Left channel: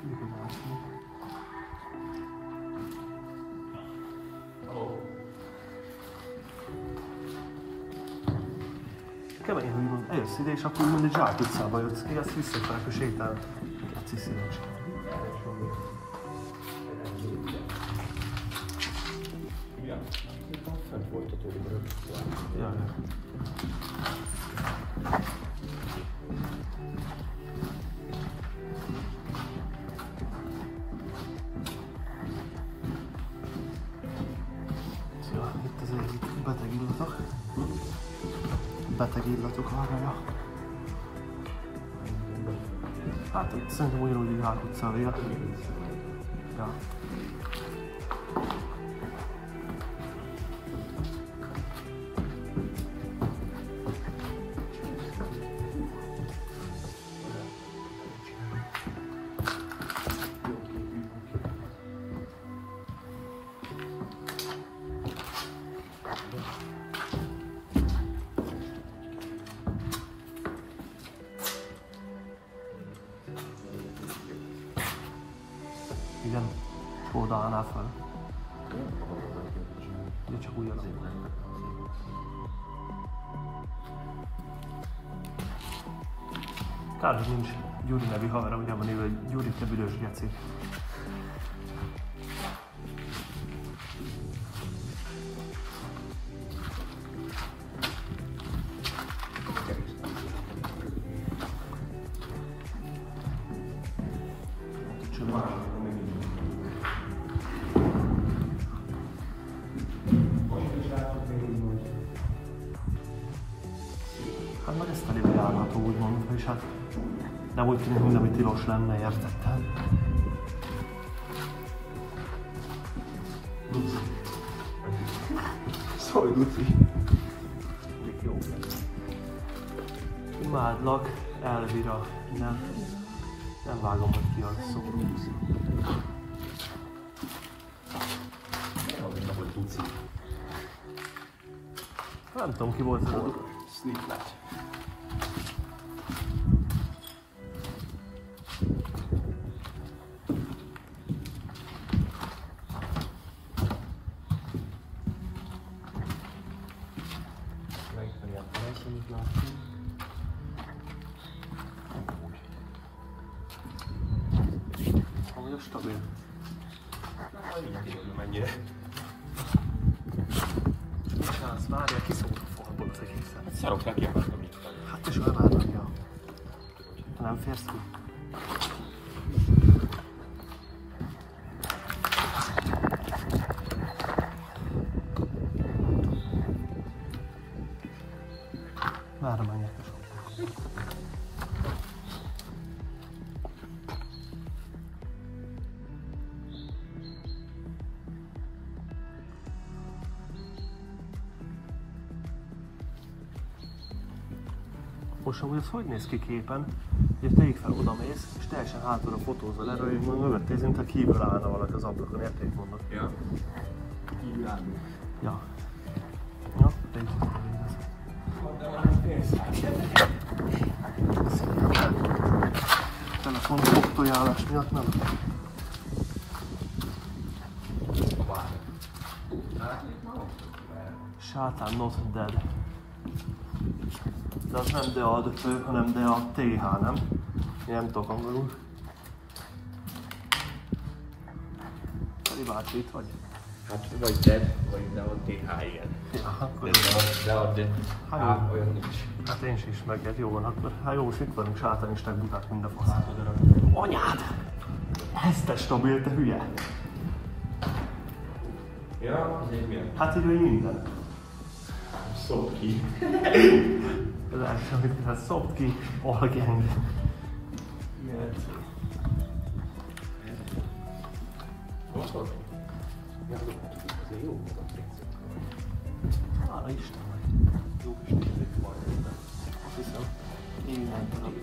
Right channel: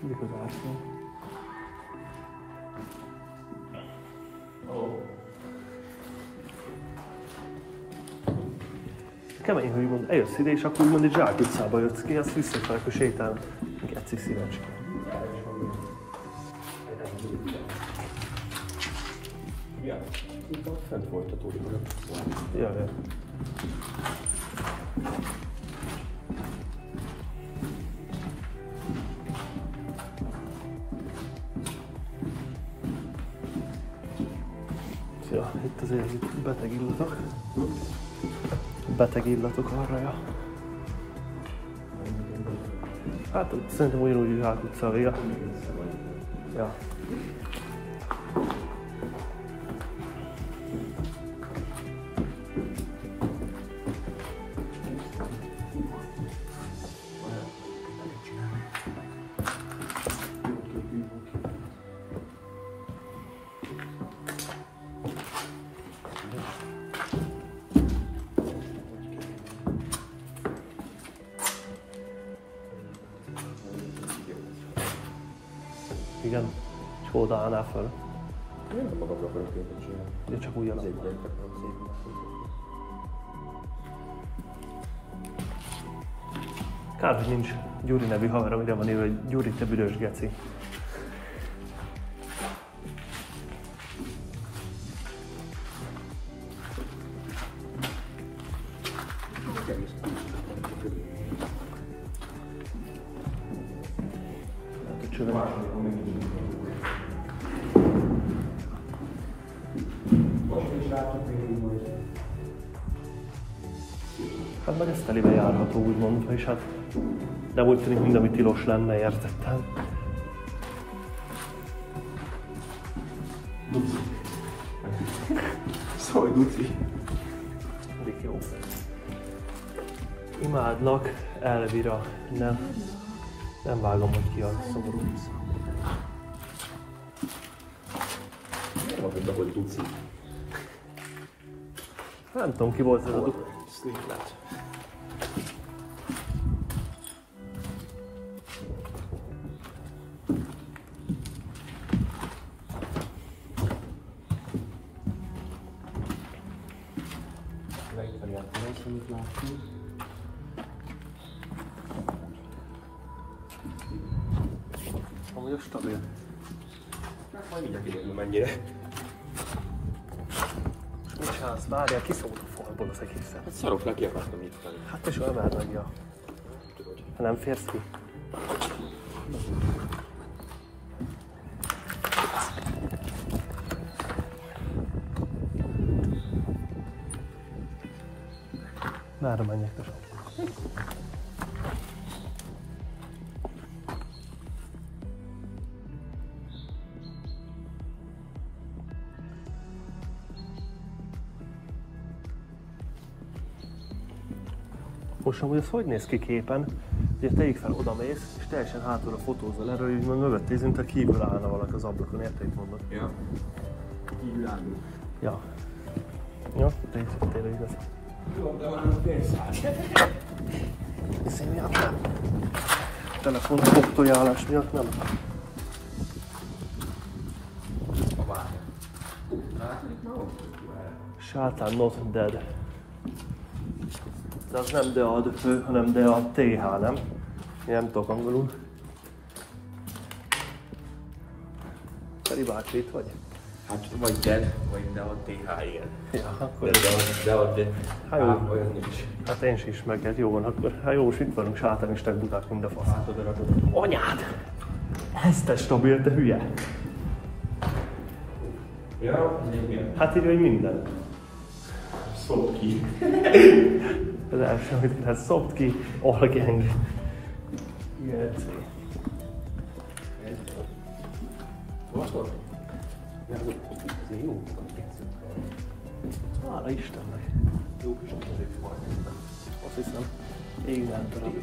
Mindig az árfény. Kemény, hogy úgymond eljössz ide, és akkor úgymond egy Zsák utcába jössz ki, azt visszafelé, akkor sétálni. Geci szívecske. Itt fent volt a túlban. Jaj. Ja, itt azért itt beteg illatok. Beteg illatok arra, ja. Hát szerintem ugyanúgy Zsák utca a vége. Ja. Igen, és oda állnál fel. Én nem magamra akarok képet csinálni. Ugye csak úgy alapban. Szépen akarom szépen. Kár, hogy nincs Gyuri nevű haverom, ide van írva, hogy Gyuri, te büdös geci. Hát meg ez telibe járható, úgymond, és hát nem úgy tűnik, mint ami tilos lenne, értettem. Duci. Szólj, Duci. Mindig jó. Imádlak, Elvira. Nem vágom, hogy ki a szomorú. Nem mondom, hogy Duci. Nem tudom, ki volt ez a Duci. Sliplet. Amúgy a stabil. Mindjárt kiderül mennyire. És mit csinálsz? Várjál, kiszólok a falból az egészen. Hát szarok neki, akartam itt felé. Hát te soha emeld meg, ja. Ha nem férsz ki. Merre menjek, te sok. Most amúgy az hogy néz ki képen? Ugye tegyük fel, odamész, és teljesen hátulra fotózol erről, hogy mondom, mögöttél, mint a kívül állna valaki az ablakon, érted, itt vannak. Ja. Kívül állunk. Ja. Ja, de így tényleg igaz. Jó, de már a pénzt. Telefon fogtojálás miatt nem. Sátán not dead. De az nem dead, hanem dead TH, nem? Én nem tudok angolul. Feri bácsi, itt vagy? Hát vagy dead, vagy dead TH, igen. Ja, akkor... De. Hát jó. Olyan nincs. Hát én is meg, hát jó van, akkor hát jó, és itt vagyunk, sátánisták, buták, mind a fasz. Anyád! Ez te stabil, te hülye! Ja, milyen? Hát így, hogy minden. Szólt ki. Az első, amit hát szopt ki, all gang. Igen. Jó. Hála Istennek. Jó kis mindenek volt. Azt hiszem, én nem tudom.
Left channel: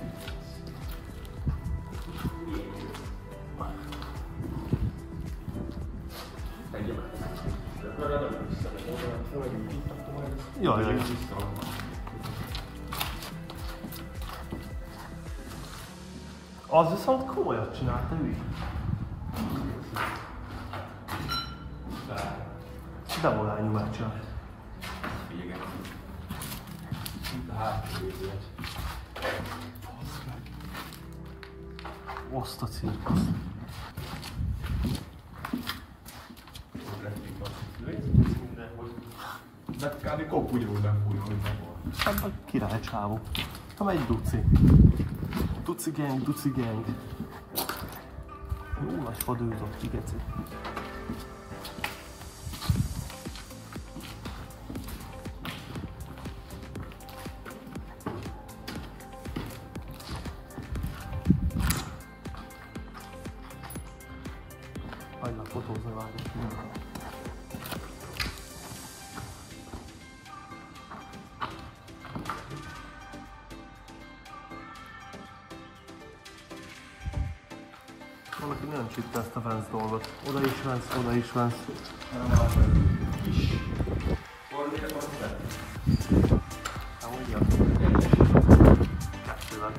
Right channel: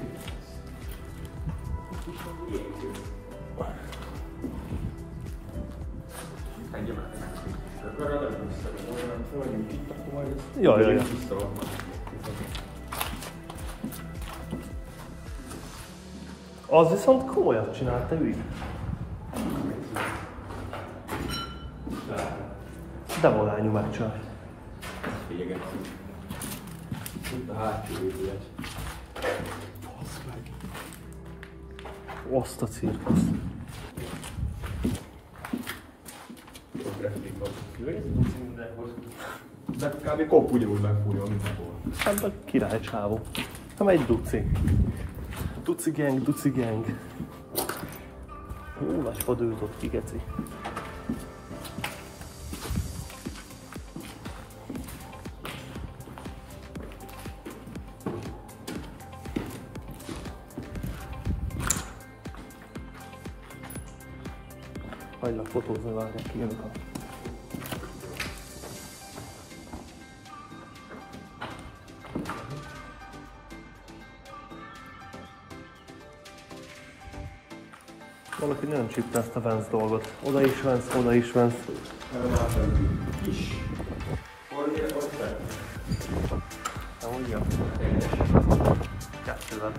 Jaj. Az viszont komolyat csinált, te ügy. De volányú meccsen. Félyegettük. Itt a hátsó épület. Azt a cirkusz. Ott replik de kb. Kopp ugyanúgy megfúrja, mint akkor. Hát a király csávó. Nem egy duci. Duci gang, duci gang. Jó nagy fadőzott ki, geci. Hagylak fotózni, vágják ki, jövök. Valaki nagyon csípte ezt a Vance dolgot. Oda is Vance, oda is Vance. Na, ugyan. Kettővel.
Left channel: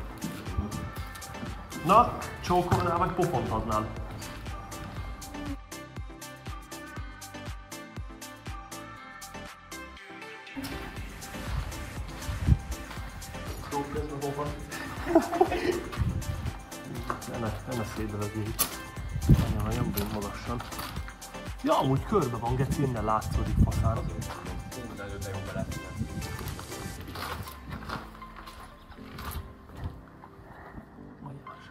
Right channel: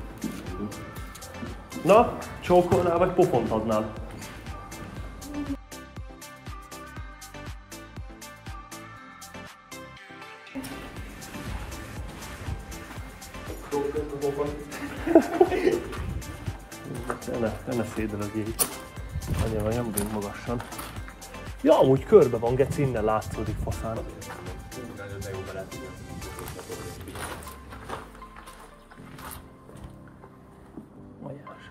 Na, csókolnál vagy pofont adnál? Ne szédelögjék. Anya, vagy nem bújj magassan. Ja, amúgy körbe van, geci, innen látszódik faszán. Majás.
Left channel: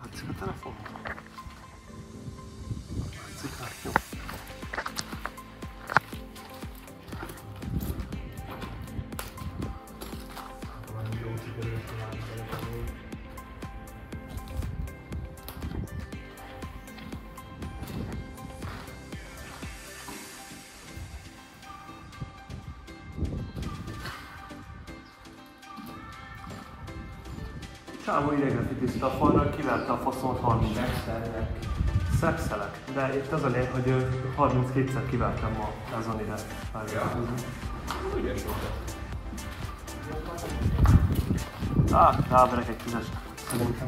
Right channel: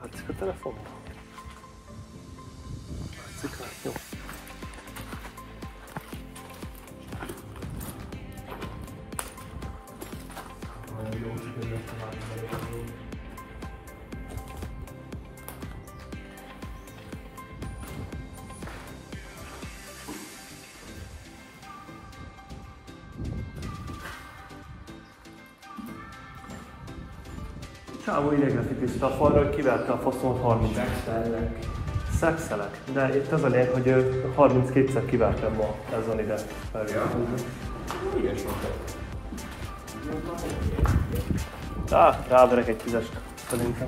Hát csak a telefon. Ciklát, jó. Csávó idegre fitiszta a falra, hogy kiverte a faszomat 30. Szexelek. De itt az a lényeg, hogy 32-szer kivertem ma ezen ide felvételőzni. Ráverek egy 10-est szerintem.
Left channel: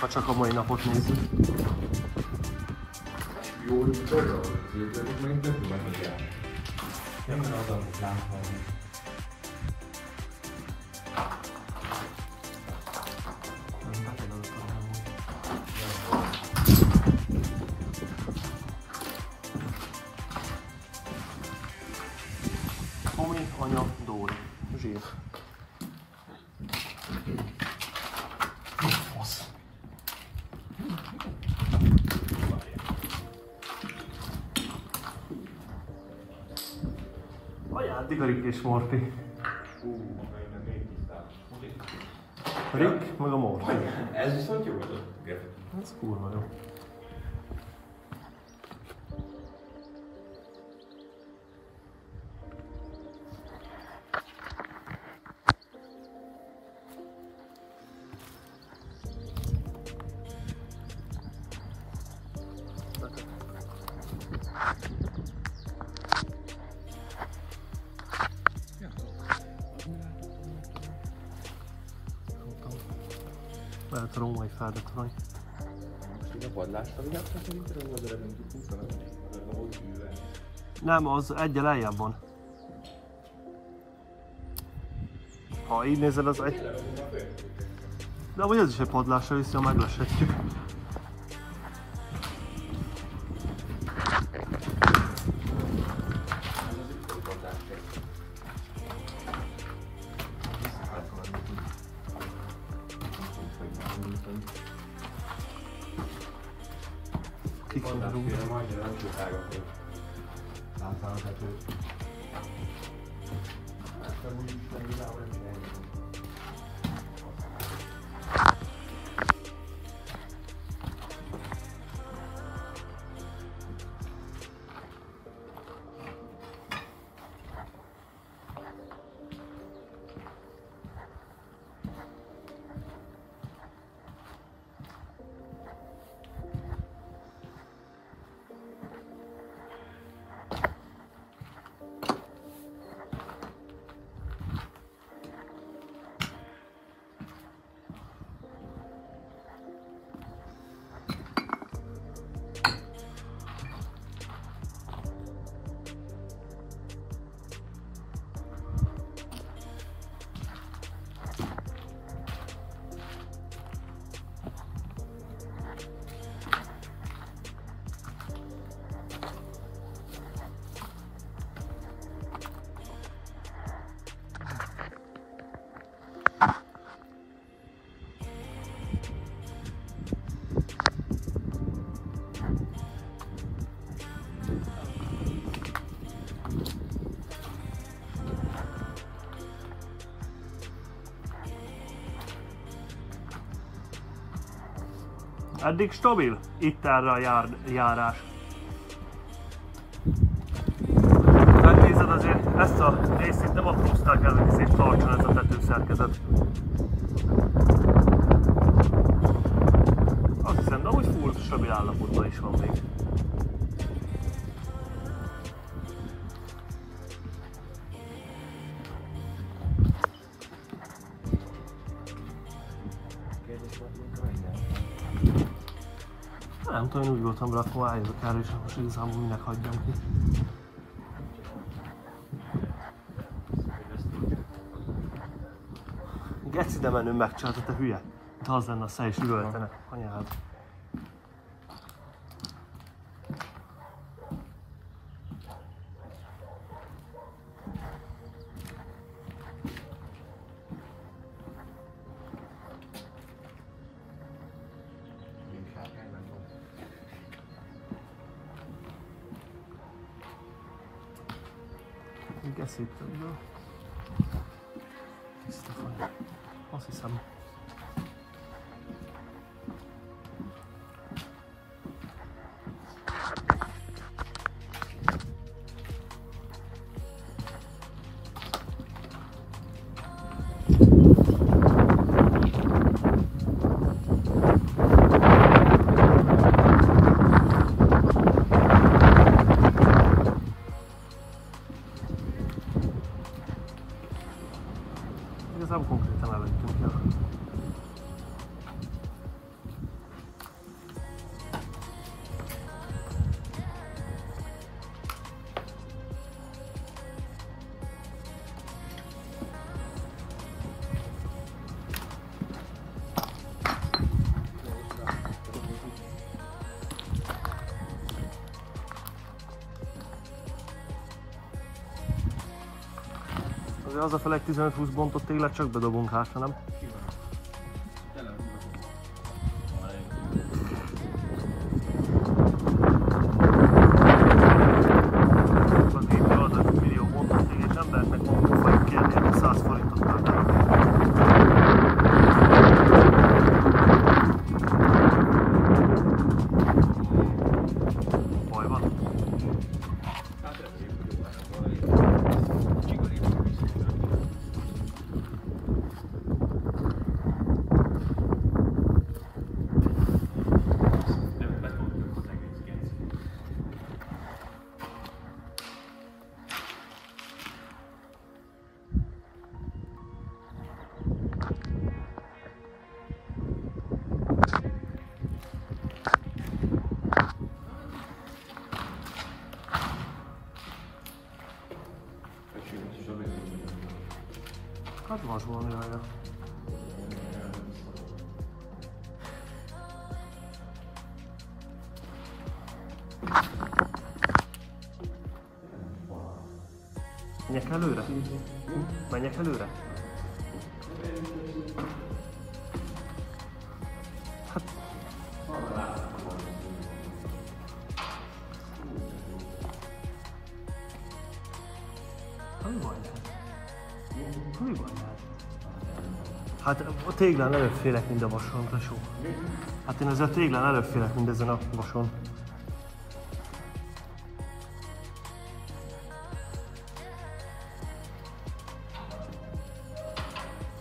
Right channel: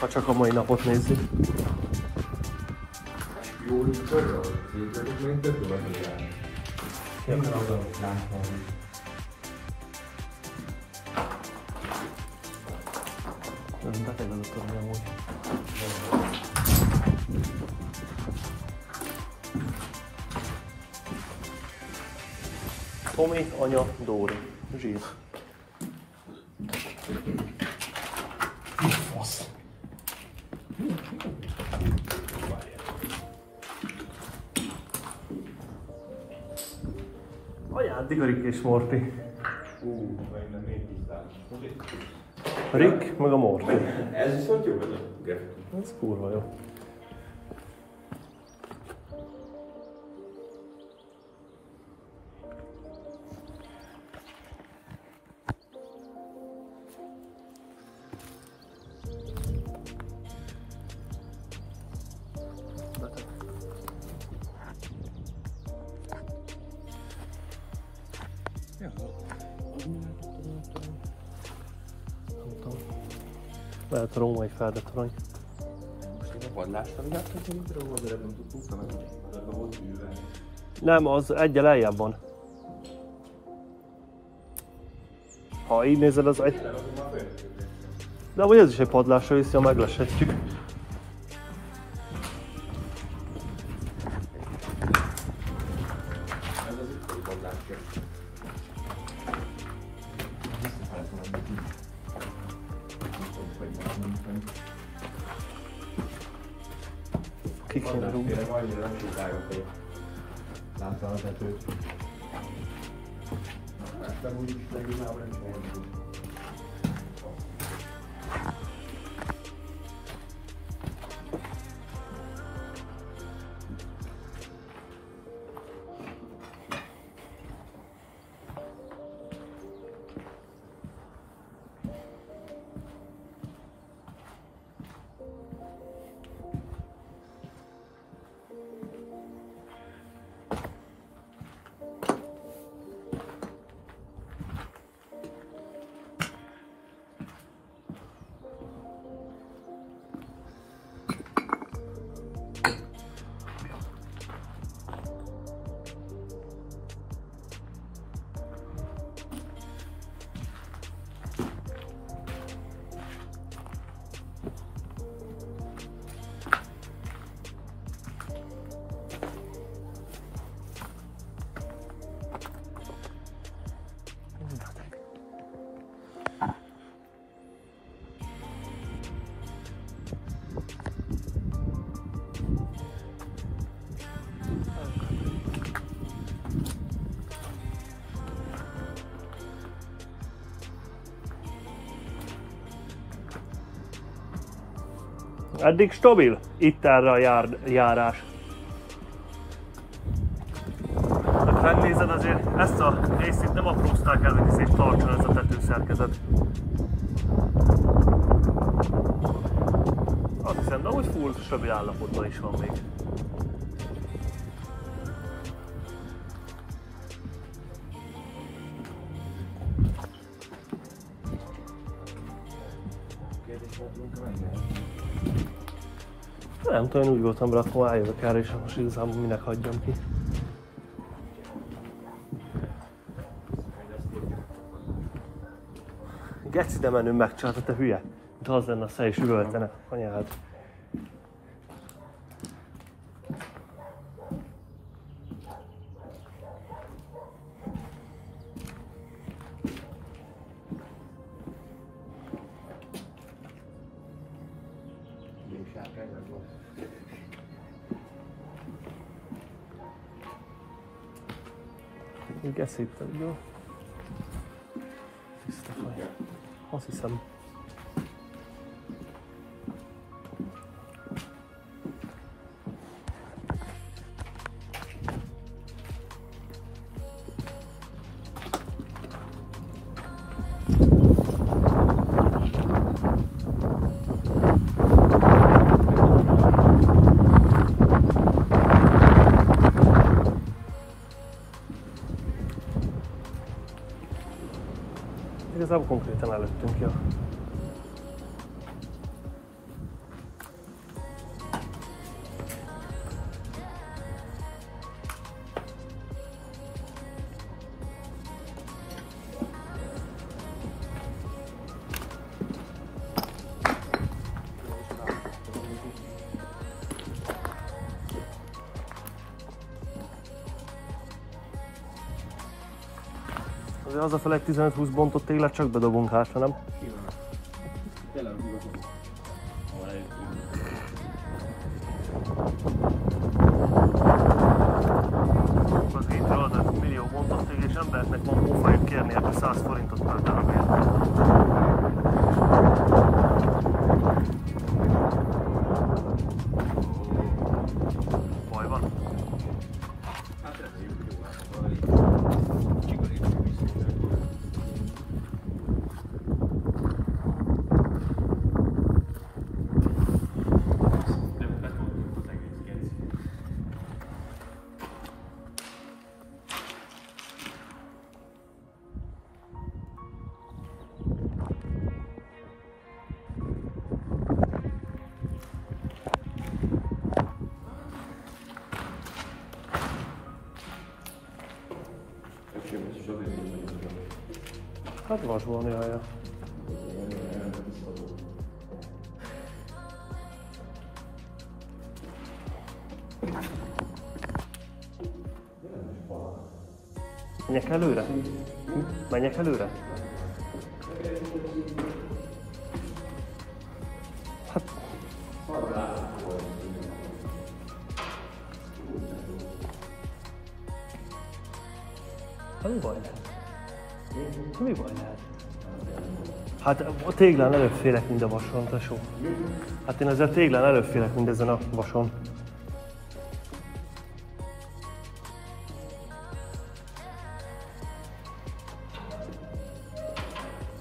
Ha csak a mai napot nézzük. Jó, hogy töröl, képzeljük még több megnézem. Nem azon, nem mondom. Ez beteg az a törvény amúgy. Tomi, anya, Dóri. Zsír. Fasz. Ajándik a Rick és Morty. Rick meg a Morty. Ez viszont jó, Ez kurva jó. Lehet a római feldetorony. Nem, az egyel lejjebb van. Ha így nézed, az egy... De vagy ez is egy padlásra viszi, ha megleshetjük. Ki kéne rúgni? Eddig stabil, itt erre a járás. Ha megnézed, azért ezt a részt itt nem aprózták el, hogy szép tartson ez a tetőszerkezet. Azt hiszem, de úgy full stabil állapotban is van még. Nem tudom, én úgy voltam rá, akkor eljövök erre, és most igazából minek hagyjam ki. Geci, de menő megcsinálta, te hülye! De az lenne a szej, és üvöltene, anyád. Geci itt ebből. Tiszta faj. Azt hiszem. Igazából konkrétan előttünk, ja. Az a fel egy 15-20 bontott téglet csak bedobunk hátra, nem? Az itt adnak millió bontott téglet, és embereknek van pofait kérni, ebben 100 forintot már darabja. Baj van? Hát vas van, jaja. Menjek előre? Menjek előre? Hát... Mi baj lehet? Mi baj lehet? Hát a téglán előbb félek, mint a vason, tesó. Hát én ezzel a téglán előbb félek, mint ezen a vason.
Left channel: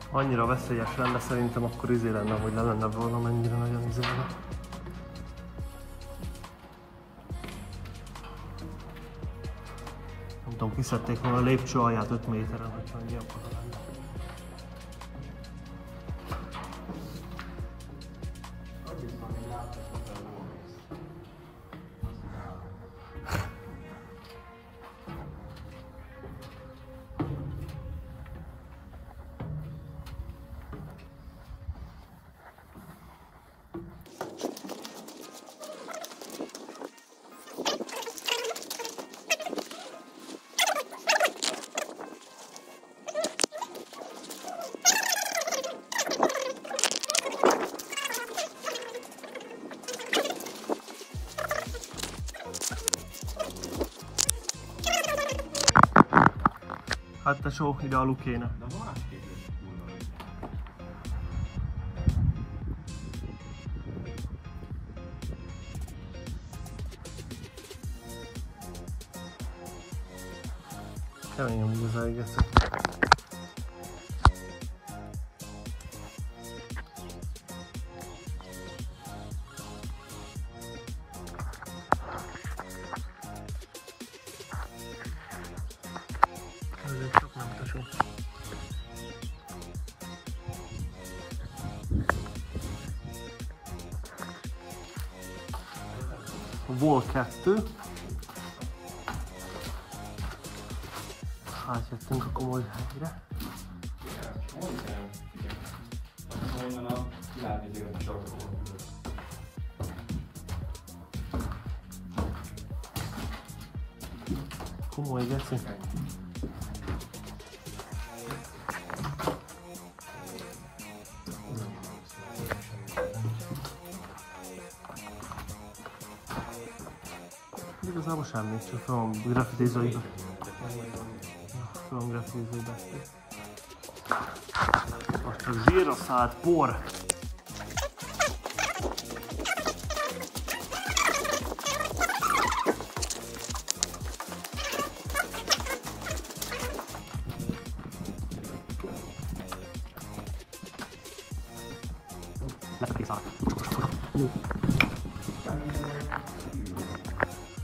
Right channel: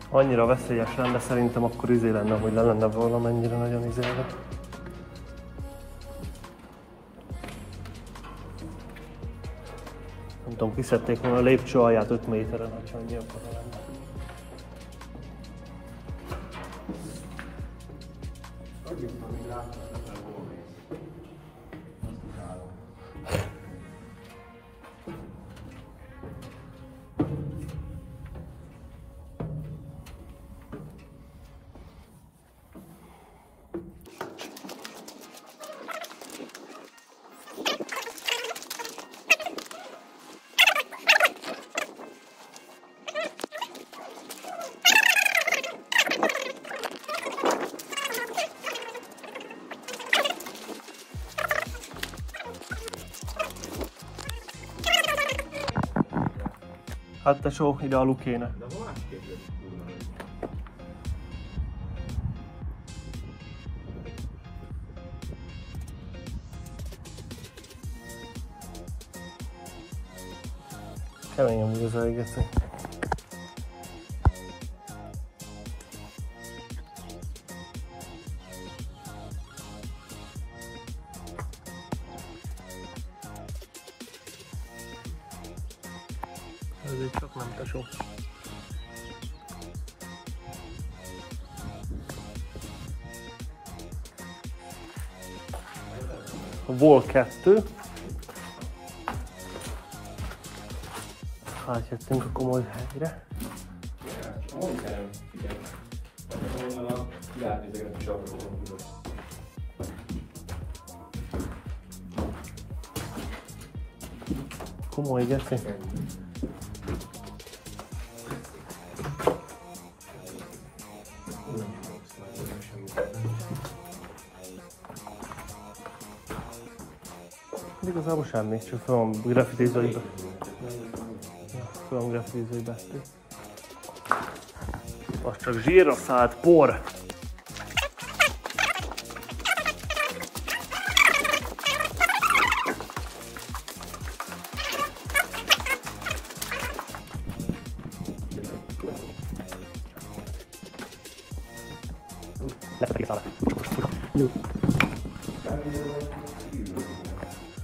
Annyira veszélyes lenne, szerintem akkor izé lenne, hogy le lenne valamennyire nagyon izélve. Nem tudom, kiszedték volna a lépcső alját 5 méteren, hogyha annyi akkor lenne. Hát tesó, ide alul kéne. Kemény amúgy az elégeszek. Ez csak nem tesó. Vol 2. Átjöttünk a komoly helyre. Komoly geci. Igazából semmi, csak fel van grafitizóiba. Fel van grafitizóiba. Az csak zsírra szállt por.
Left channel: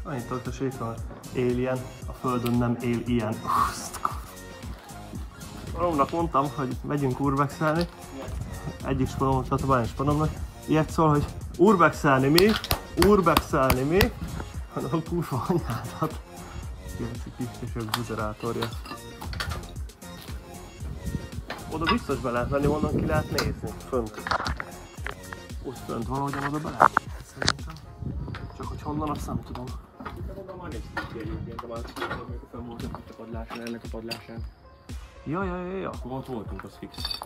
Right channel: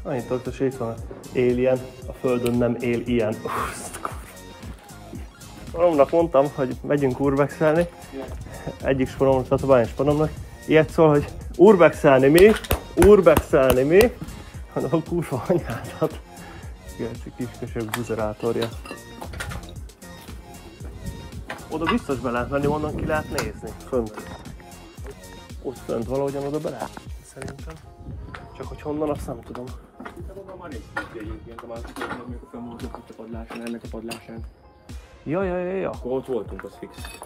Annyit tartoség van, alien, a földön nem él ilyen. Sporomnak mondtam, hogy megyünk urbexelni. Egyik sporomnak, tatabányos sporomnak. Ilyet szól, hogy urbexelni mi? Urbexelni mi? Hanem a kurva anyádat. Geci kiskösök buzerátorja. Oda biztos be lehet menni, onnan ki lehet nézni. Fönt. Ott fönt valahogyan oda be lehet nézni, szerintem. Csak hogy honnan, azt nem tudom. Ennek a padlásán. Ja. Ott voltunk, az fix.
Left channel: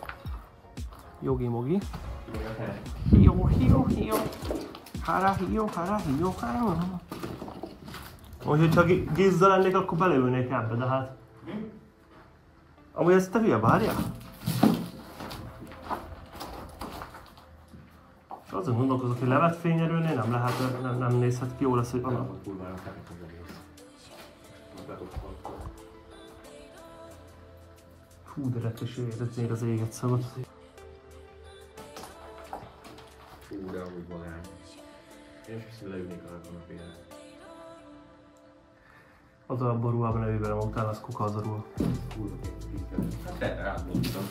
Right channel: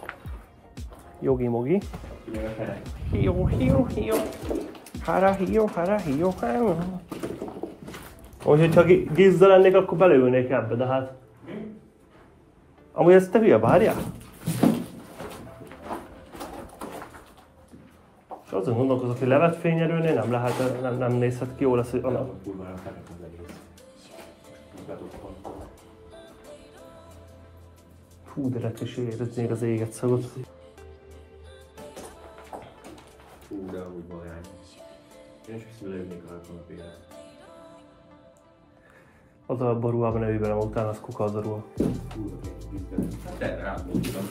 Jogi-mogi. Hió. Hara, hió. Hogyha gizda lennék, akkor beleülnék ebbe, de hát... Amúgy ezt te hülye, várjál? És azon gondolkozok, hogy levet fényerőnél nem lehet, nem nézhet ki, jó lesz, hogy annak. Hú, de lett is érzett még az éget szagot. Hú, de úgy magány. Én is viszont leülnék a kanapére. Az a ruhában ne ülj bele, utána az kuka az a ruha. Hú, de átmondtam.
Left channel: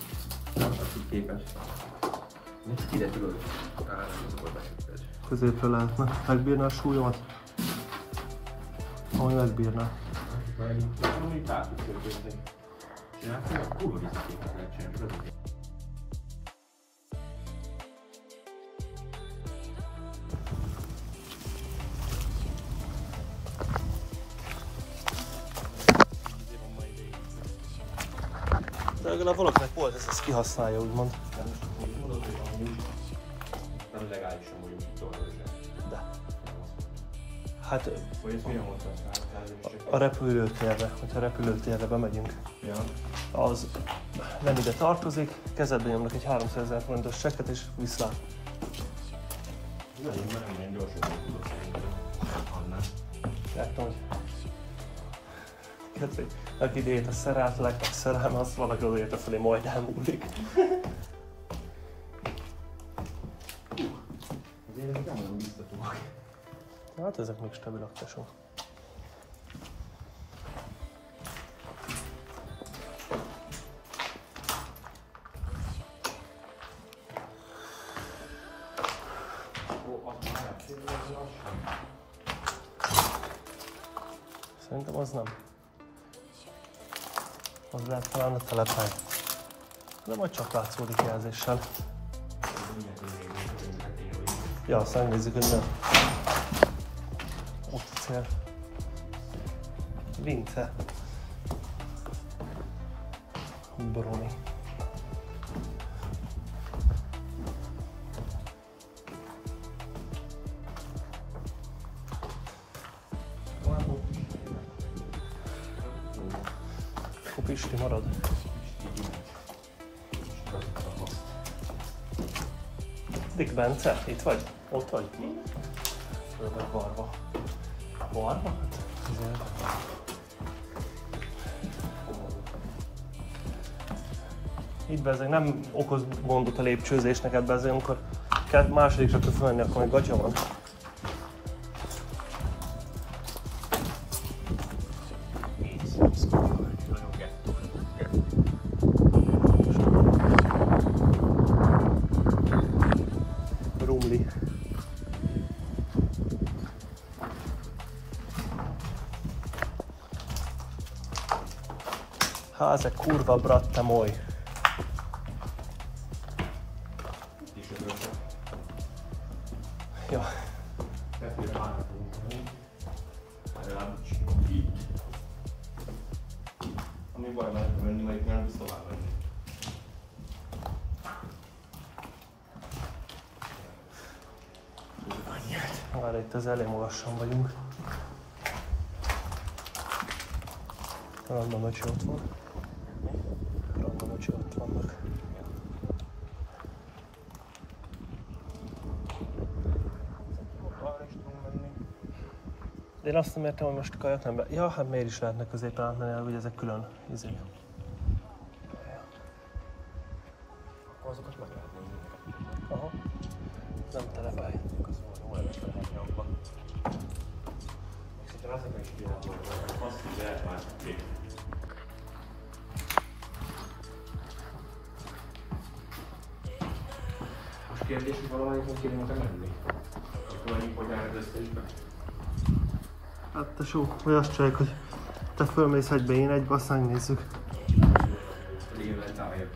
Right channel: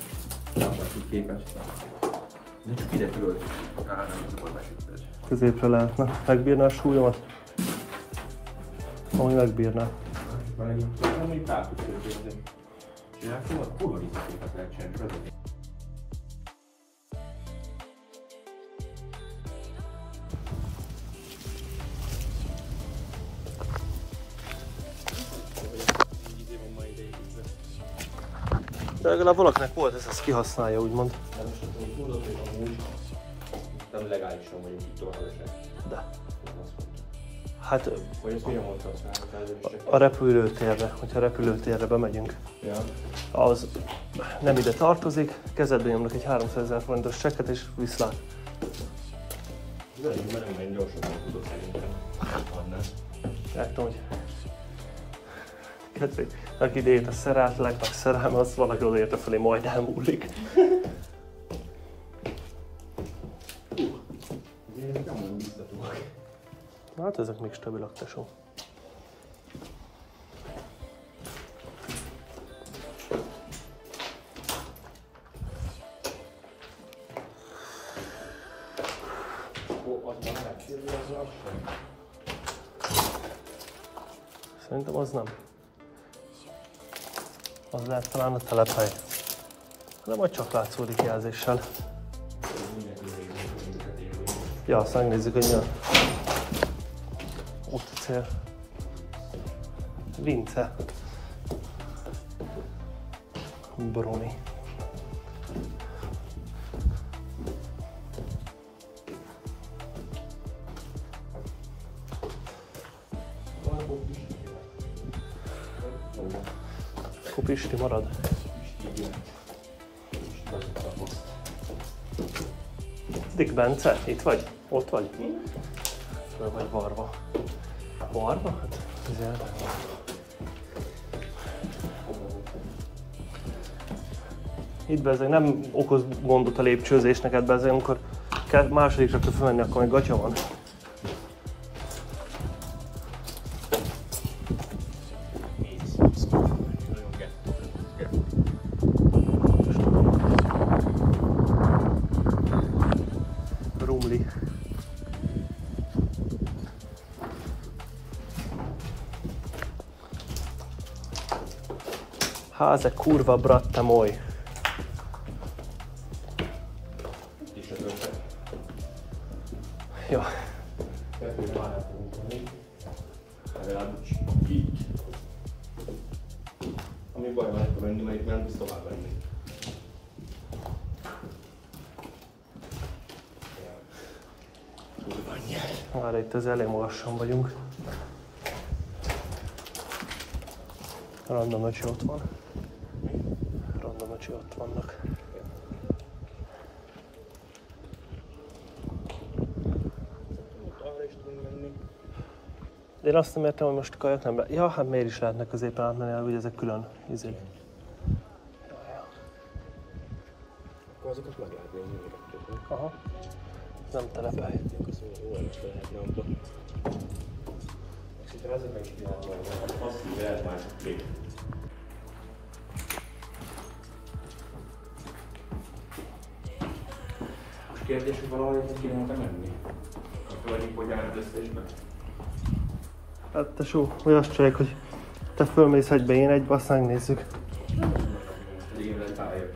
Nem úgy képes. Nincs ide tudod. Középre lehetne. Megbírná a súlyomat? Ahogy megbírná. Mert én valami pártot szépen. Csinálsz, hogy kurva visszaképet lehet csinálni. De legalább valakinek volt ez, azt kihasználja, úgymond. Nem legálisan vagyunk itt tovább. De. Hát Vagy ez milyen volt a repülőtérre, hogyha a repülőtérre bemegyünk, Ja. az nem ide tartozik, kezedbe nyomnak egy 300 000 forintos csekket és viszlát. De én nagyon gyorsan nem tudok adni. Látom, hogy aki idejét a szerátleg, a szerelem, az valahogy odaérte felé, majd elmúlik. Én nem mondom biztatóak. Hát ezek még stabilak, tesó. Szerintem az nem. Az lehet talán a telephely. De majd csak látszódik jelzéssel. Ja, azt megnézzük, hogy mi. Ott cél. Vince. Bruni. Pisti marad. Dick Bence, itt vagy? Ott vagy? Vagy Varva. Varva? Igen. Itt bezeg, nem okoz gondot a lépcsőzés neked bezeg, amikor második csak tudsz menni, akkor még gatya van. Rumli. Háze kurva bratta moj. Jó. Ami baj, meg kell menni, mert nem tudsz tovább menni. Már itt az elég lassan vagyunk. Random öcsi ott van. Random öcsi ott vannak. Arra is tudunk menni. De én azt nem értem, hogy most a kajak nem be... Ja, hát miért is lehetnek azért átmenni, hogy ezek külön izé. Akkor azokat meg lehet nézni, hogy Aha. Ez nem telefon. az jó nem is lehetne abba. És itt azért meg is lehet majd. Azt így lehet már kép. Most kérdés, hogy valahogy ezzel kéne menni? Mikor így bogyárod össze is meg? Hát tesó, vagy azt csináljuk, hogy te fölmész egybe, én egybe, aztán nézzük. Régen lett álljak.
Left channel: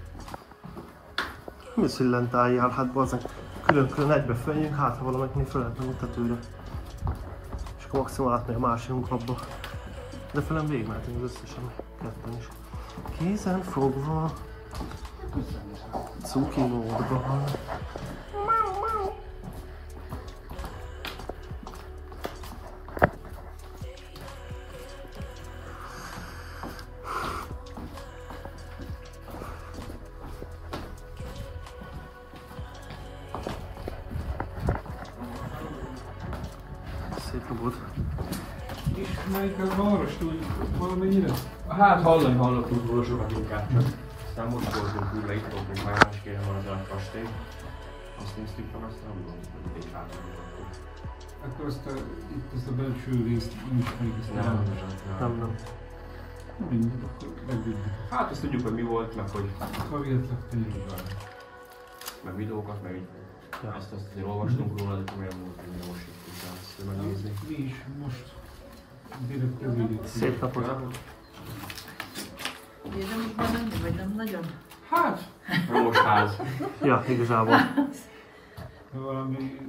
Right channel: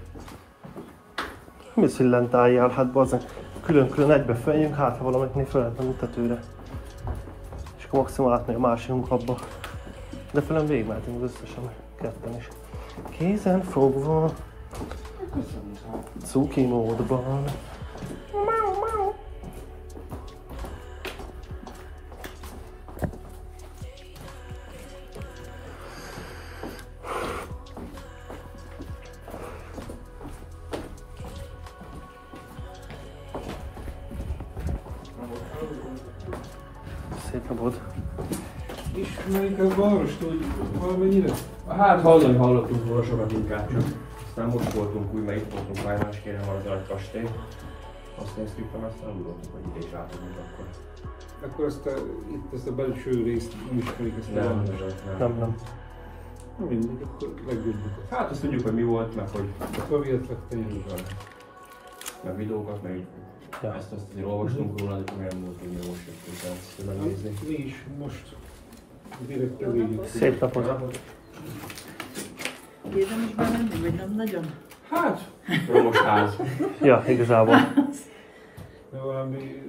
Mi az, hogy lent álljál? Hát bazzánk, külön-külön egybe feljünk, hát ha valamiknél fel lehet menni tetőre. És akkor maximum átmegy a másikunk abba. De fölön végigmehetünk az összesen, ketten is. Kézen fogva, cuki módban. Szép napot. És mondjuk a várostól valamennyire? Hát hallottunk róla sokat inkább csak. Aztán most voltunk úgy, mert itt voltunk már máskéne van az nagy kastély. Azt néztük meg, aztán úgy volt, hogy még látunk akkor. Akkor itt ezt a belső részt ismerik, ezt Nem. Na mindegy, akkor legjobbjuk. Hát azt tudjuk, hogy mi volt, meg hogy Akkor vihetlek tényleg. meg videókat, meg így. Ja. Ezt azért olvastunk róla, de olyan volt, hogy mi most jöttünk el megnézni. Mi is most direkt elvégjük. Szép napot. Érdemes bemenni, vagy nem nagyon? Hát, romos ház. Ja, igazából. Valami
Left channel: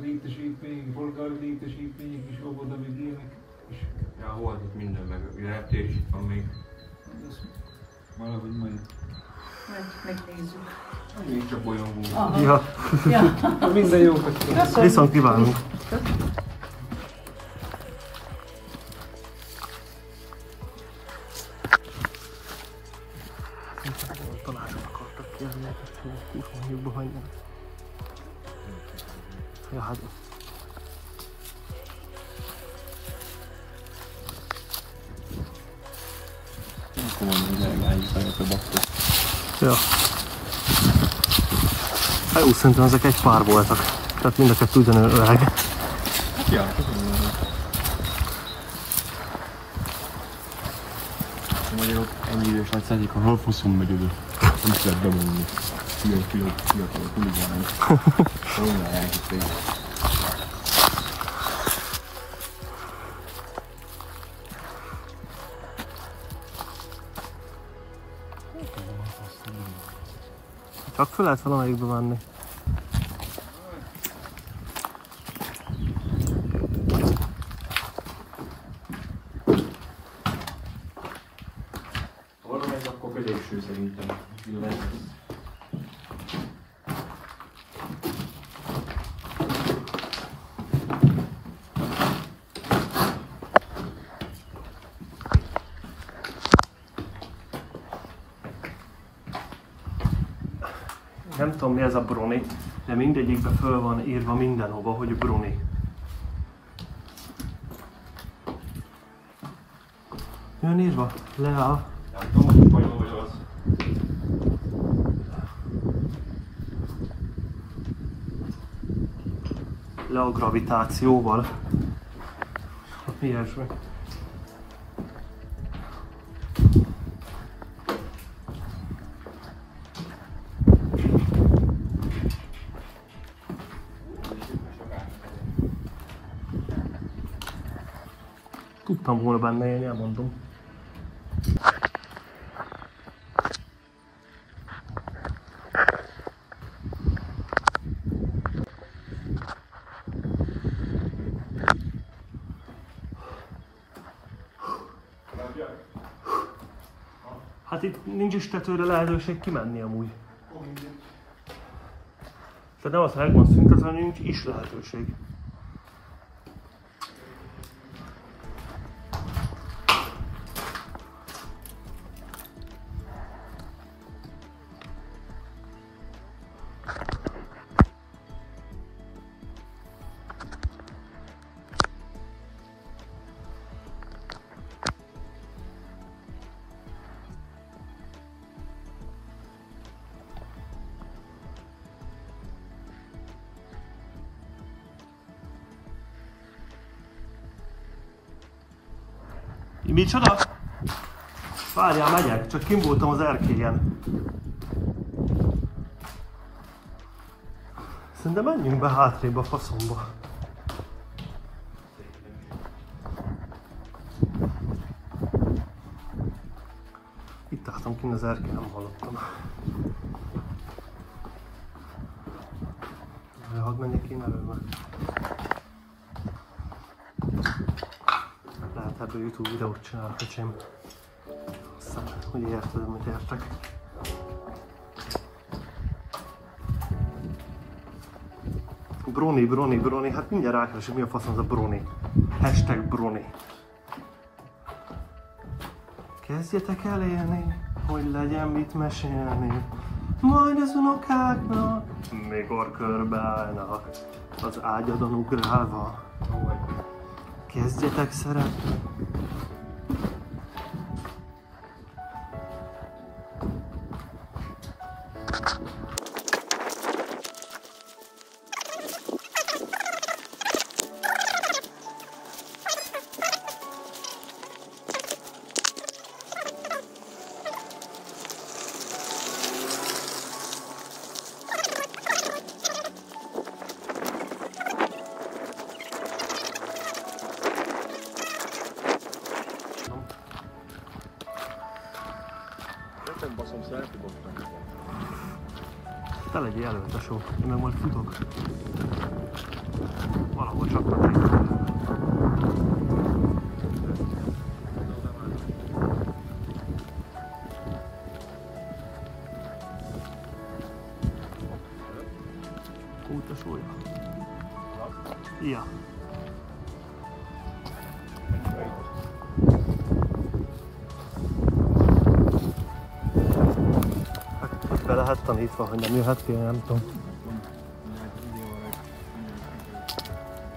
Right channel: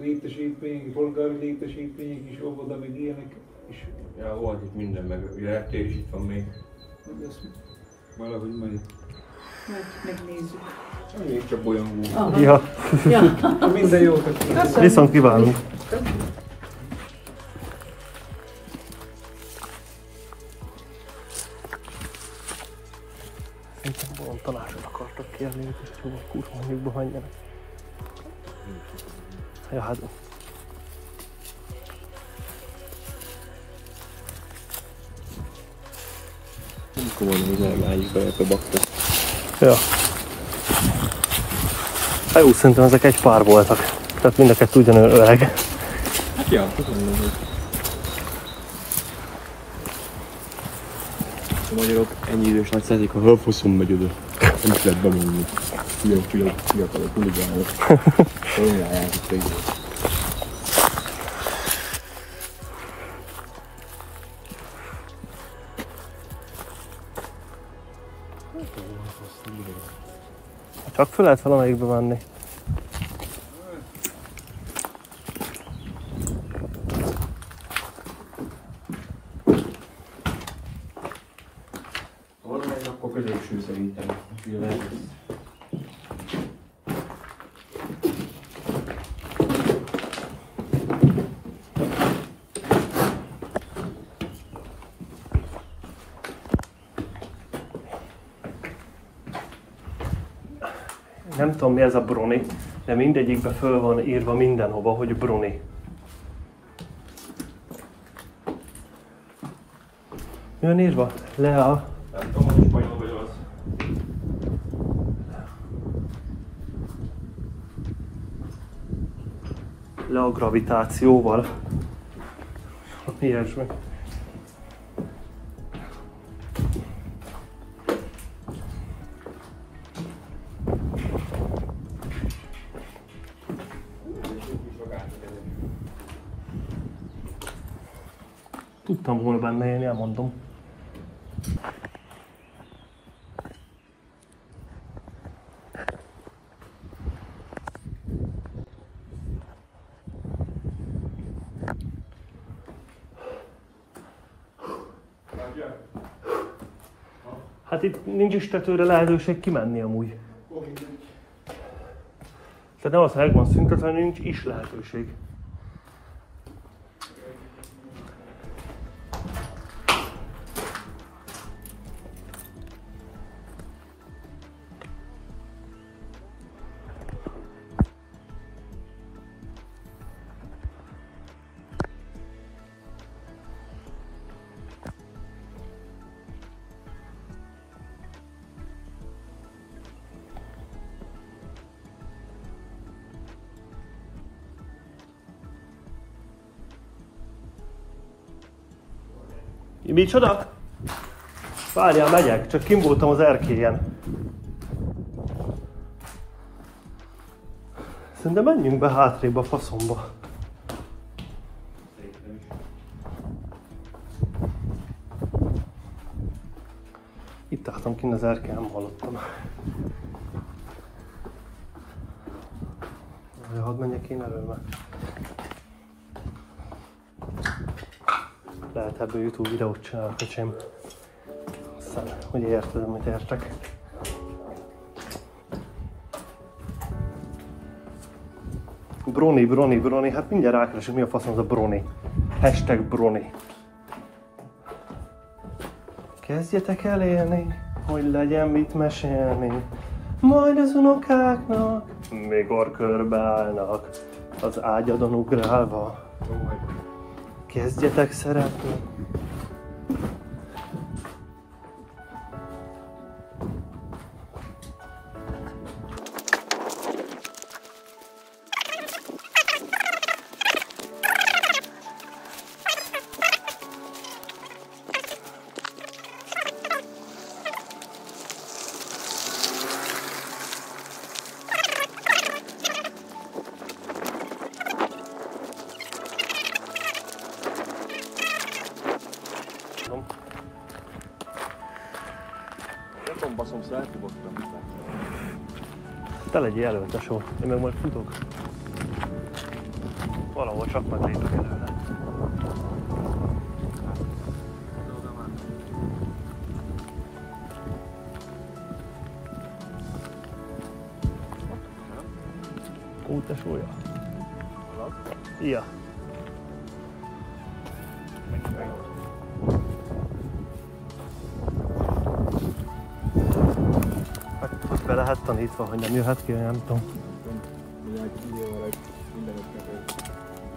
létesítmény, polgári létesítmények is, óvoda, meg ilyenek. És Ja, volt itt minden, meg ugye reptér is itt van még. azt valahogy majd. Megnézzük. Még csak bolyongunk. Aha. Ja, Ja. Minden jókat kívánok. viszont kívánunk. Tanácsot akartak kérni, hogy kurva mondjukba hagyjanak. Ja, hát... Ja. Hát úgy szerintem ezek egy pár voltak. Tehát mind a kettő ugyanolyan öreg. Ja, tudom. A magyarok ennyi idős nagy szerzik, ha hölfoszon megy oda. Nem is lehet bemondni. Ilyen fiatalok, huligánok. Romlálják itt egy. Csak fel lehet valamelyikbe menni. Hol meg akkor középső szerintem. Nem tudom mi ez a bruni, de mindegyikbe föl van írva mindenhova, hogy bruni. Mi van írva? Lea. Nem tudom, hogy spanyol vagy olasz. tőle a gravitációval. Ilyesmi. Tudtam volna benne élni, elmondom. Hát itt nincs is tetőre lehetőség kimenni amúgy. Tehát nem az, hogy megvan szintetlen, nincs is lehetőség. Micsoda? Várjál, megyek, csak kim voltam az erkélyen. Szerintem menjünk be hátrébb a faszomba. Itt álltam kint az erkélyen, nem hallottam. Hadd menjek én elő már. Lehet ebből YouTube videót csinálok, öcsém. Aztán, hogy érted, amit értek. Broni, hát mindjárt rákeresek, mi a faszom az a Broni. Hashtag Broni. Kezdjetek el élni, hogy legyen mit mesélni. Majd az unokáknak, mikor körbeállnak, az ágyadon ugrálva. Kezdjetek szeretni. Te legyél elő, tesó. Én meg majd futok. Valahol csak már tétek előle. Úgy tesója. Szia. Be lehet tanítva, hogy nem jöhet ki, nem tudom.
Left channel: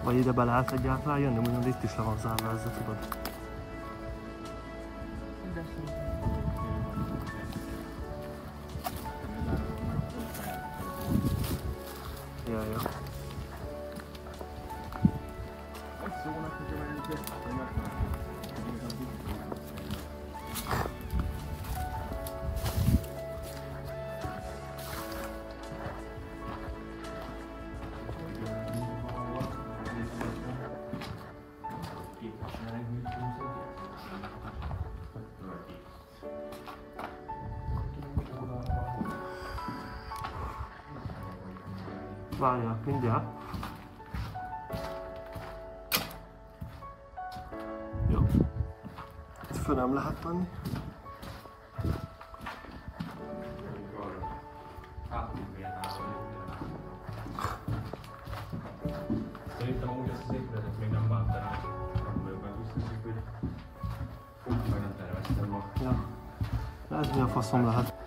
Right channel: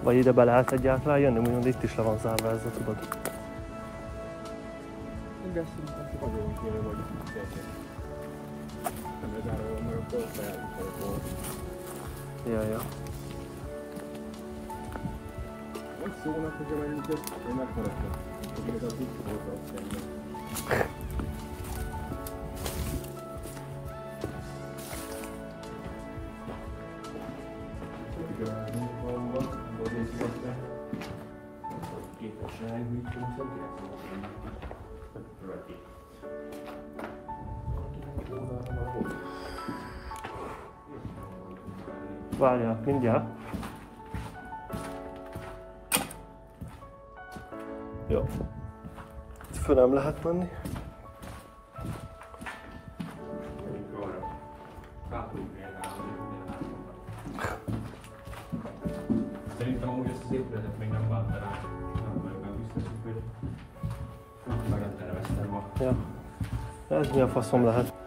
Vagy ide be lehet egyáltalán jönni, úgymond itt is le van zárva ezzel, tudod? Ja. Azt szónak, hogy menjünk ezt, hogy megmaradnak. Hogy ez az itt volt szemben. Várjál, mindjárt. Jó. Itt föl nem lehet menni. Szerintem amúgy ezt az épületet még nem láttam rá. Nem biztos, hogy nem terveztem ma. Ja. Ez mi a faszom lehet?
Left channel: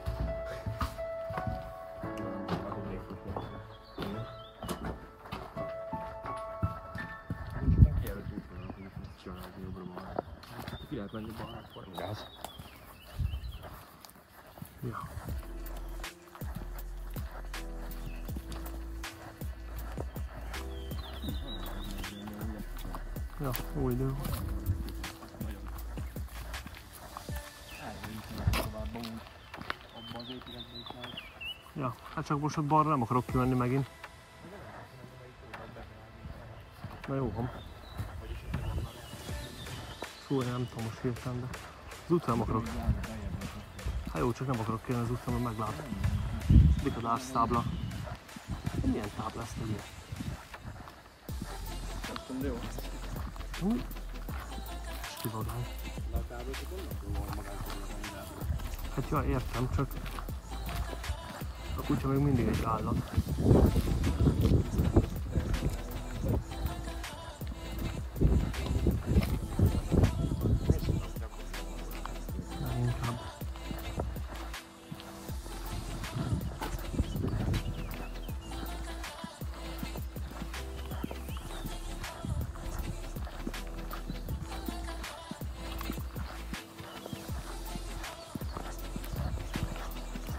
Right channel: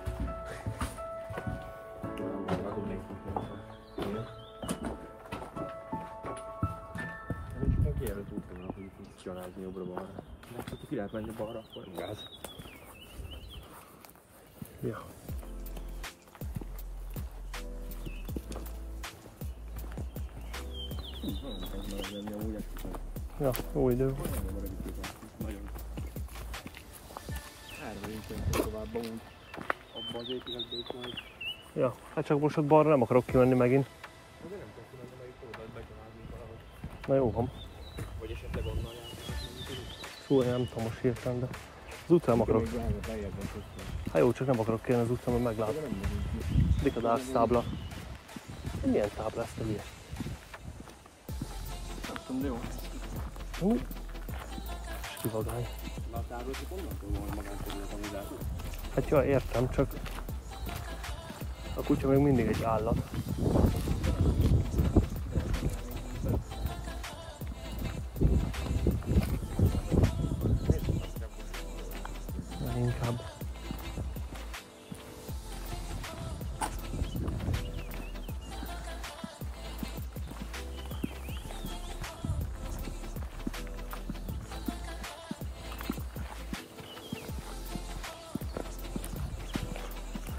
Ki lehet menni balra, akkor igaz. Ja. Ja, jó idő volt. Abban az épületben is majd. Ja, hát csak most ott balra nem akarok kimenni megint. Na jó van. Vagy esetleg onnan Szóval nem tudom most hirtelen, de az utcán nem akarok. Hát jó, csak nem akarok kérni az utcán, mert meglátom. Mik a dásztábla? Milyen tábla ezt a hülye? Kivagány. Hát ja, értem, csak a kutya még mindig egy állat. Inkább.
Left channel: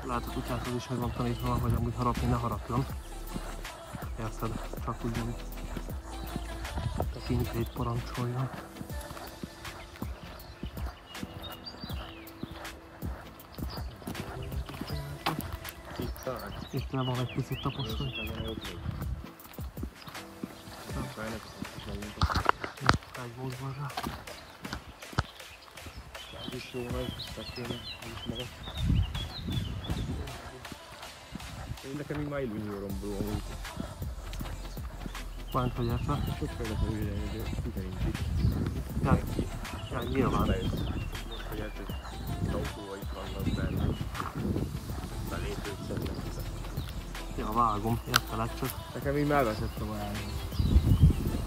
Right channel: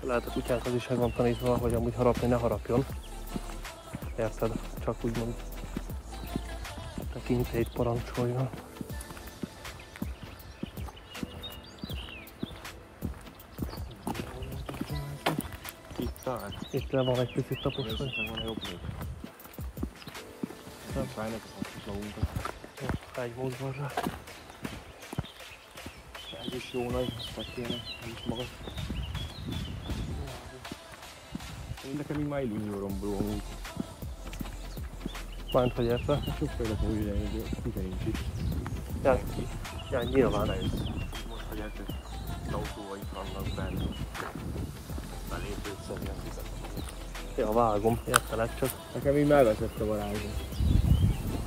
Lehet a kutyákhoz is meg van tanítva, hogy amúgy harapni ne harapjon. Érted? Csak úgymond a kincseit parancsoljon. Itt le van egy picit taposva. Egy módban rá. Ez is jó nagy, hogy kéne, ez is maga. Én nekem már idő rombolom. Bánt, hogy érte? És főleg újra egy figyelünk is. Ja, nyilván. Ja, vágom, értelek csak. Nekem így megveszett a varázsot.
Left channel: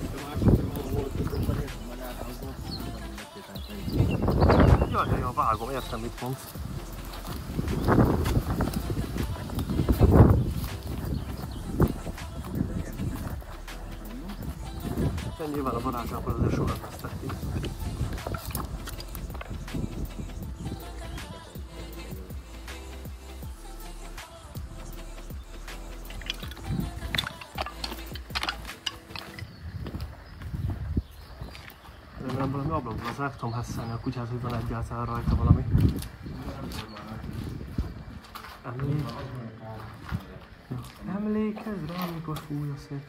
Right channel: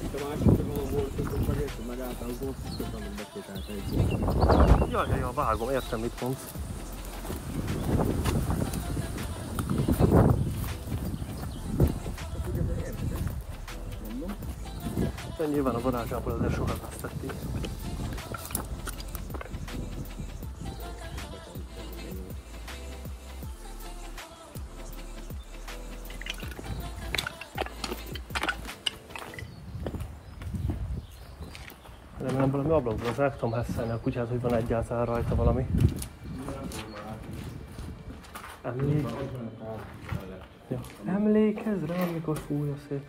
Itt a másik meg volt, hogy megértem megállt, az volt, hogy mindekét átvegy. Ja, vágom, értem mit mondsz. De nyilván a varázsából azért sokat vesztették. Remélem valami ablakból, az el tudom hesszelni a kutyát, hogy van egyáltalán rajta valami. Ja. Emlékezz rá, amikor fúj a szél.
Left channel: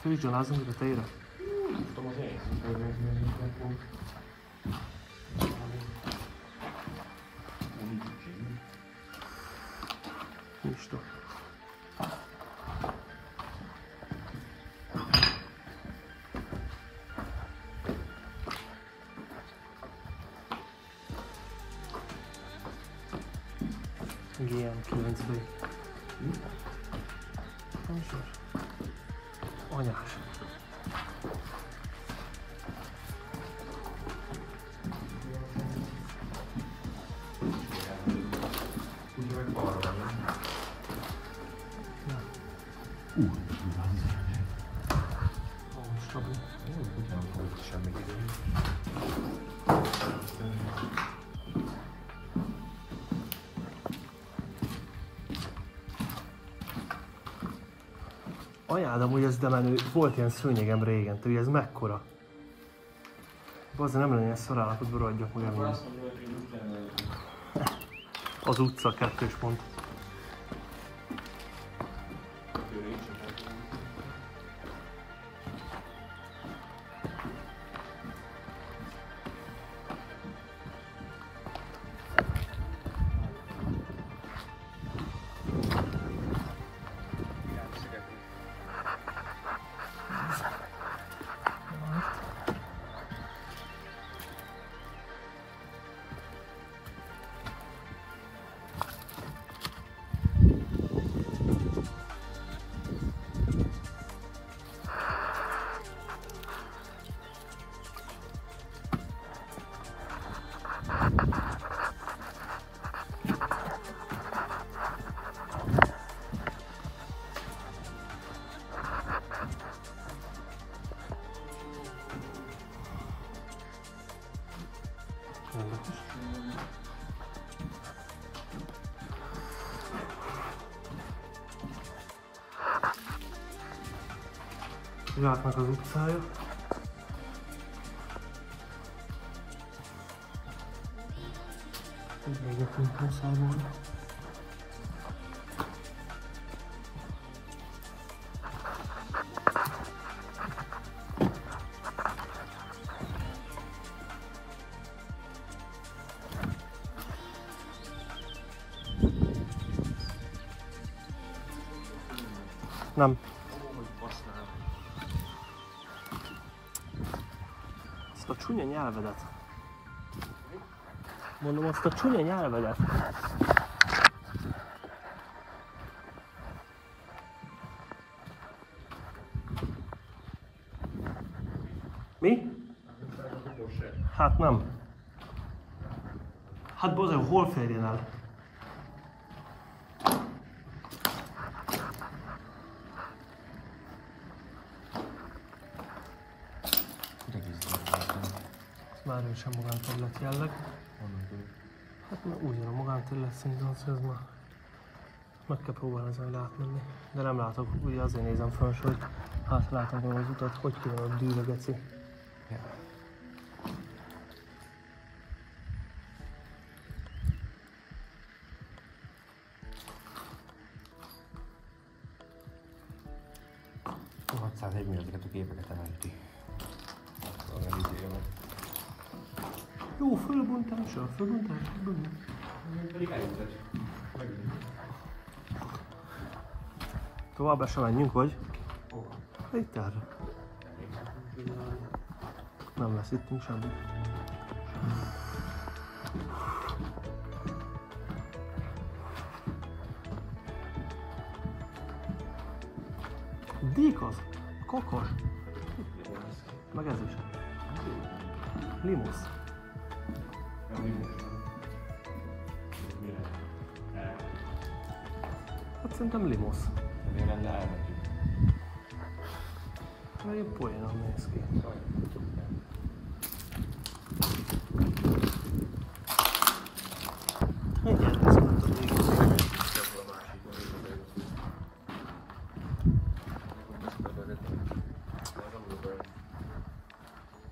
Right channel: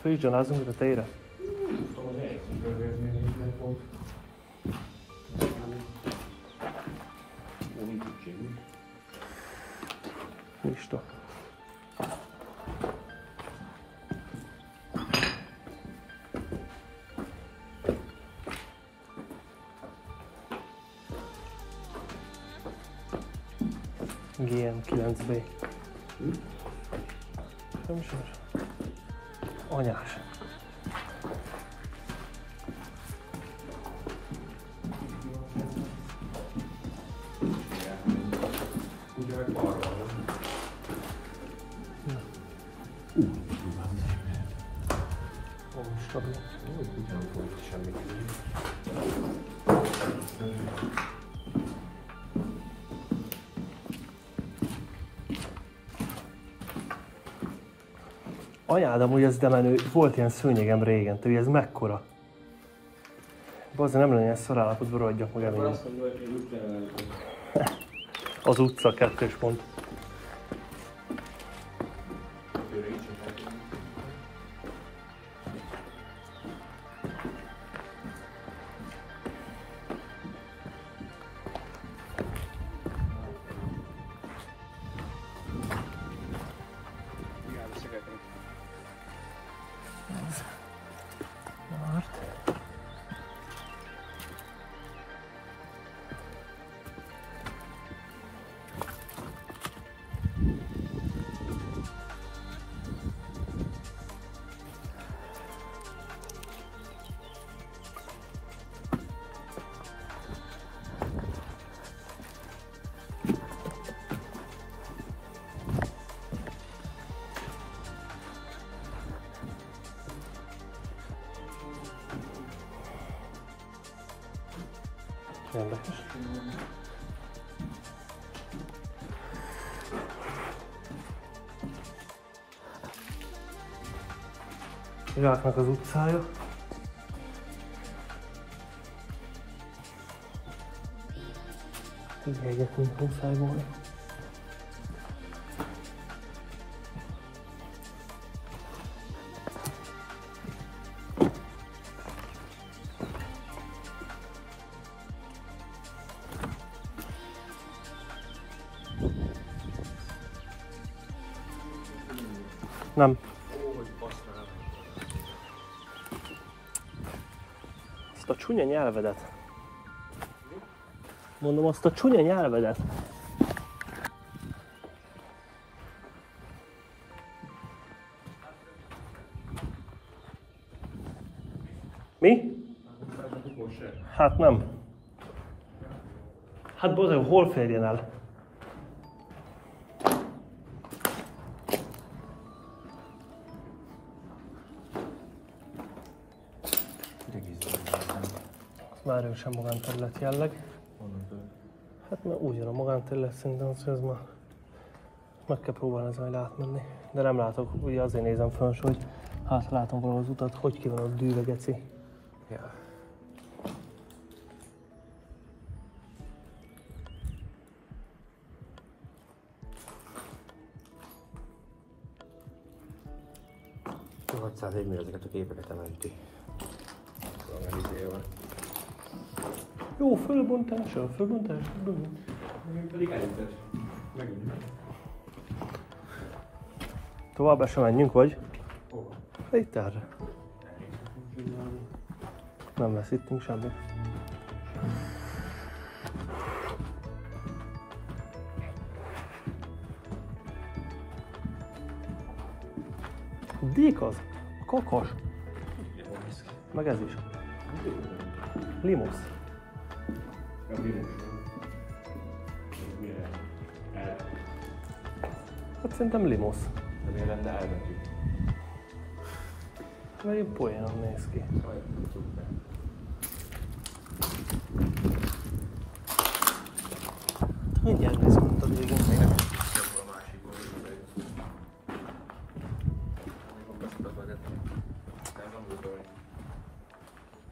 Főzsgyanázzunk a tére. Isten. GN9B. Nem sor. Anyás. Stabil. Anyád, amúgy ez de menő, volt ilyen szőnyegem régen, te ez mekkora? Bazdmeg nem lenne ilyen szarállapotban, rohadjak meg elég. Az utca 2. pont. Érdekes. Zsáknak az utcája. Figyelgetünk, muszáj volna. Nem. Azt a csúnya nyelvedet. Mondom, azt a csúnya nyelvedet. Mi? Hát nem. Hát bozeg, hol férjen el? Már erősen magánterület jelleg. Hát mert ugyan a magánterület szerintem az, hogy ez már meg kell próbálni ezzel átmenni. De nem látok, ugye azért nézem fel, hogy hát látom volna az utat, hogy kéne a dűre, geci. Yeah. Még ezeket a képeket ementi. Jó, fölbontása, fölbontás. Pedig elütött. Megint. Tovább sem menjünk, vagy? Itt erre. Nem lesz itt semmi. Dík az, kakas. Meg ez is. Limusz. Hát szerintem limusz. De miért lenne elmentjük? Mert így poénon néz ki. Mindjárt ezt mondtad végül.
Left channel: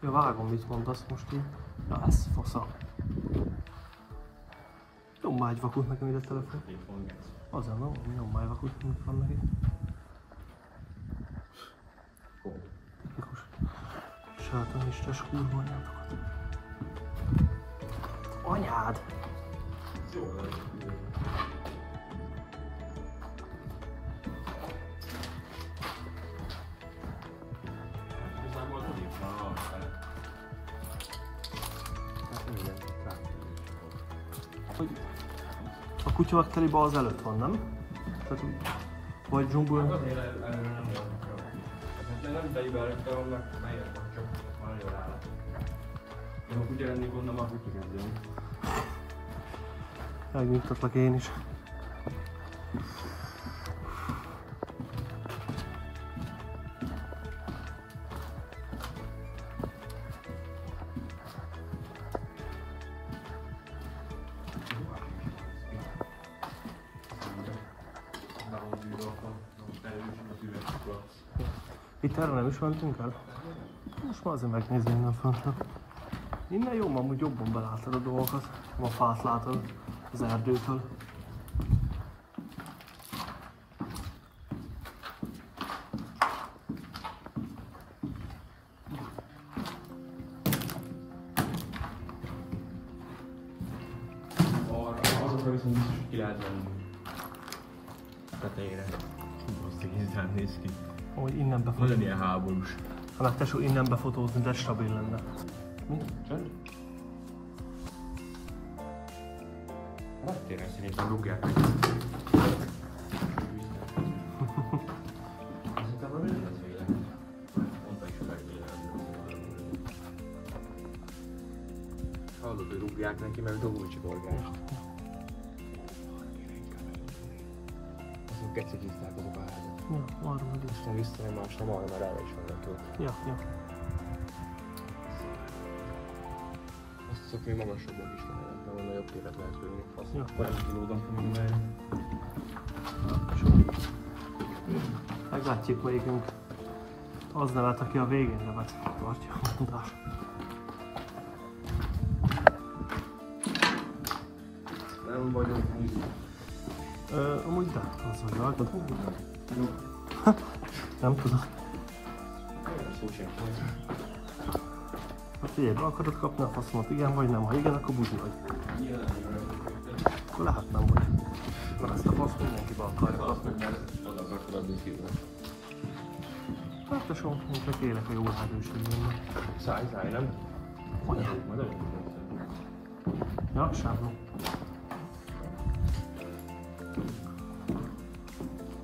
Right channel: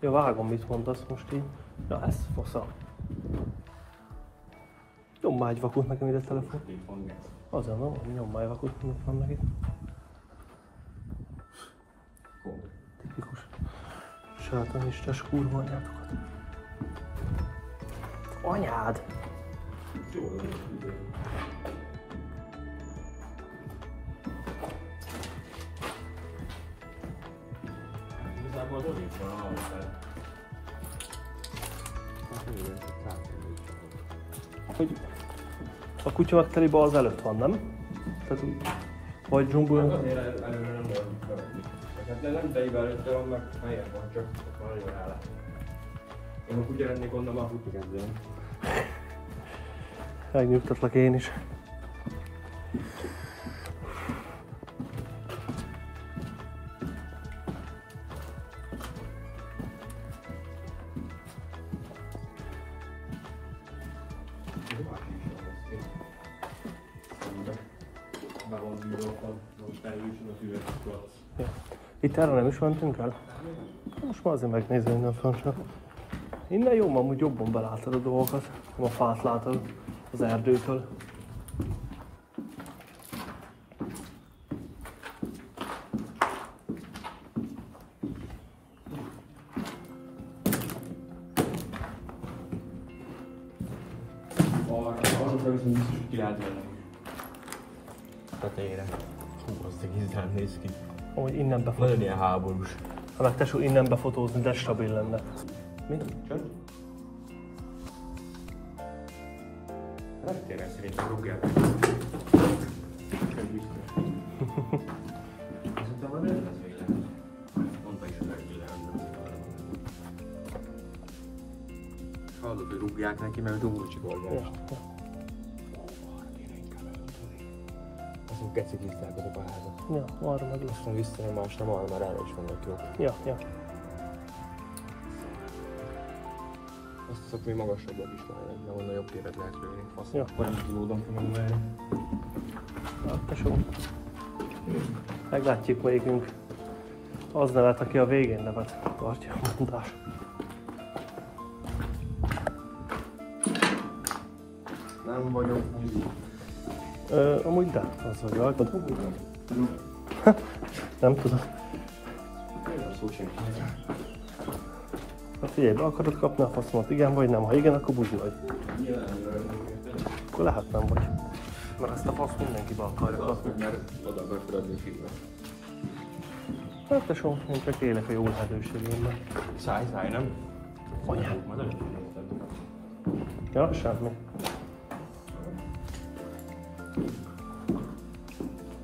Ja, vágom, mit mondasz most így. Ja, ez fasza. Nyomd egy vakut nekem ide a telefon. Azért nem, nyomd egy vakut, mit vannak itt. Tipikus sátanistes kurva anyátokat. Anyád! Hogy a kutya megtelibe az előtt van, nem? Tehát úgy, vagy dzsumbuljon. Előre nem volt. De nem tejbe előtte vannak, helyen van, csak van elég hála. Én a kutya lennék onnan már kutya rendelem. Megnyugtatlak én is. Itt erre nem is mentünk el? Most már azért megnézni innen föntről. Innen jó, amúgy jobban belátod a dolgokat. A fát látod az erdőtől. Arra viszont biztos, hogy ki lehet venni. Tetejére. Azt egészen néz ki. Amúgy innen Nagyon befotózni. ilyen háborús. Ha meg tesó innen befotózni, de stabil lenne. Mi? Reptéren szerintem rúgják. Szerintem már nem lesz véle. Hallod, hogy rúgják neki, mert rúgni csak oldal. Ja, ja. Azok kecik hívták az a bárházat. Ja, arra meg lesz. Aztán visszajön másra, arra már arra is vannak jók. Ja, ja. Azt hiszem, hogy magasabbak is vannak, ahol nagyobb téret lehet venni. Ja. Hogy így lódom fogom lenni. Na, tesó. Meglátjuk melyikünk az nevet, aki a végén nevet tartja a mondás. Amúgy de, az vagy rajtad. Nem tudom. Hát figyelj, be akarod kapni a faszomat, igen vagy nem? Ha igen, akkor buzi vagy. Akkor lehet nem vagy. Mert ezt a faszt mindenki be akarja kapni. Oda akarod adni kívül. Hát tesóm, én csak élek a jó lehetőségémmel. Szájtáj, nem? Anyám. Ja, semmi.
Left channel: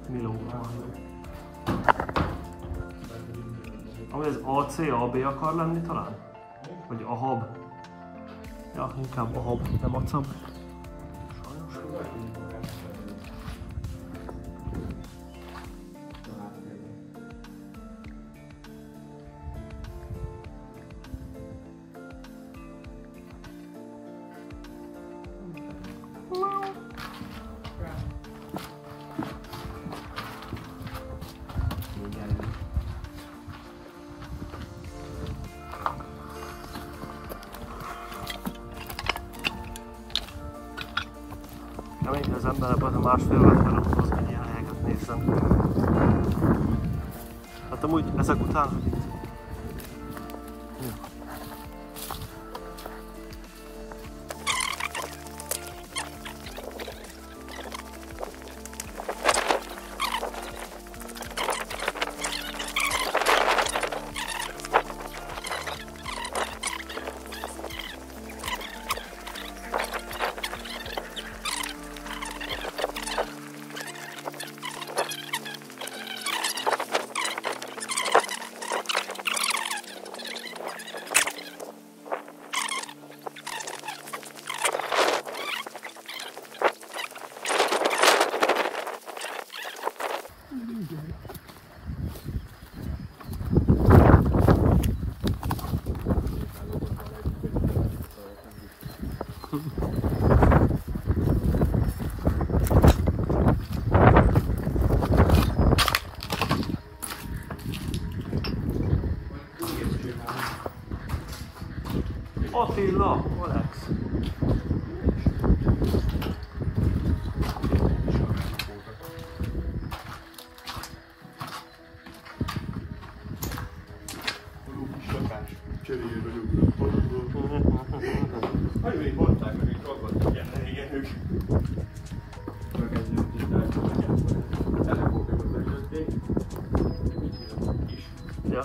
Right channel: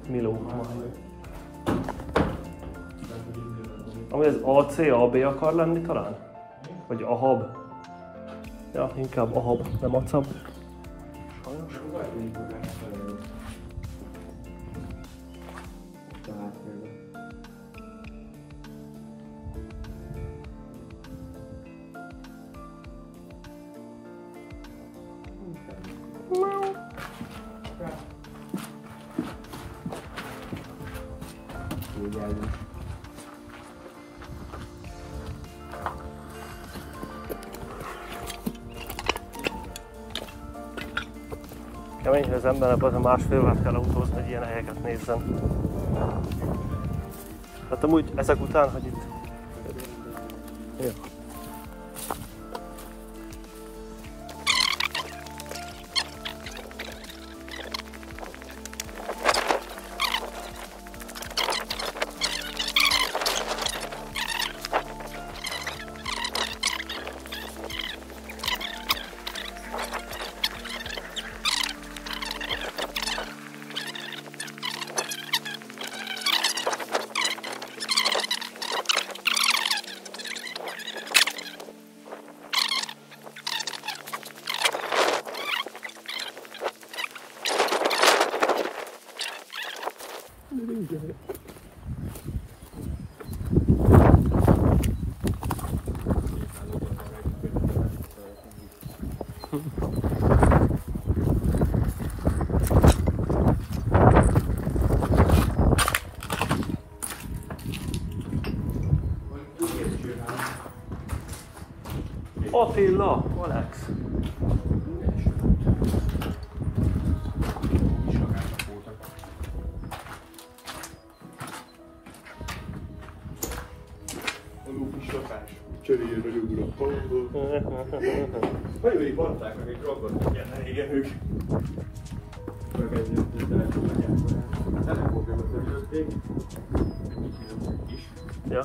Miló, majló. Ami ez AC, AB akar lenni talán? Vagy AHAB? Ja, inkább AHAB, nem ACAB. Sajnos. Kemény, hogy az embernek az a másfélvel kell autózni, hogy ilyen helyeket nézzen. Hát amúgy ezek után, hogy itt... Ja. Attila, Alex. Cseréljél meg ugrott pontból. Olyan mondták, amik ragadtak ilyen régen ők. Megkezdődött, hogy telefókat följötték. Ja.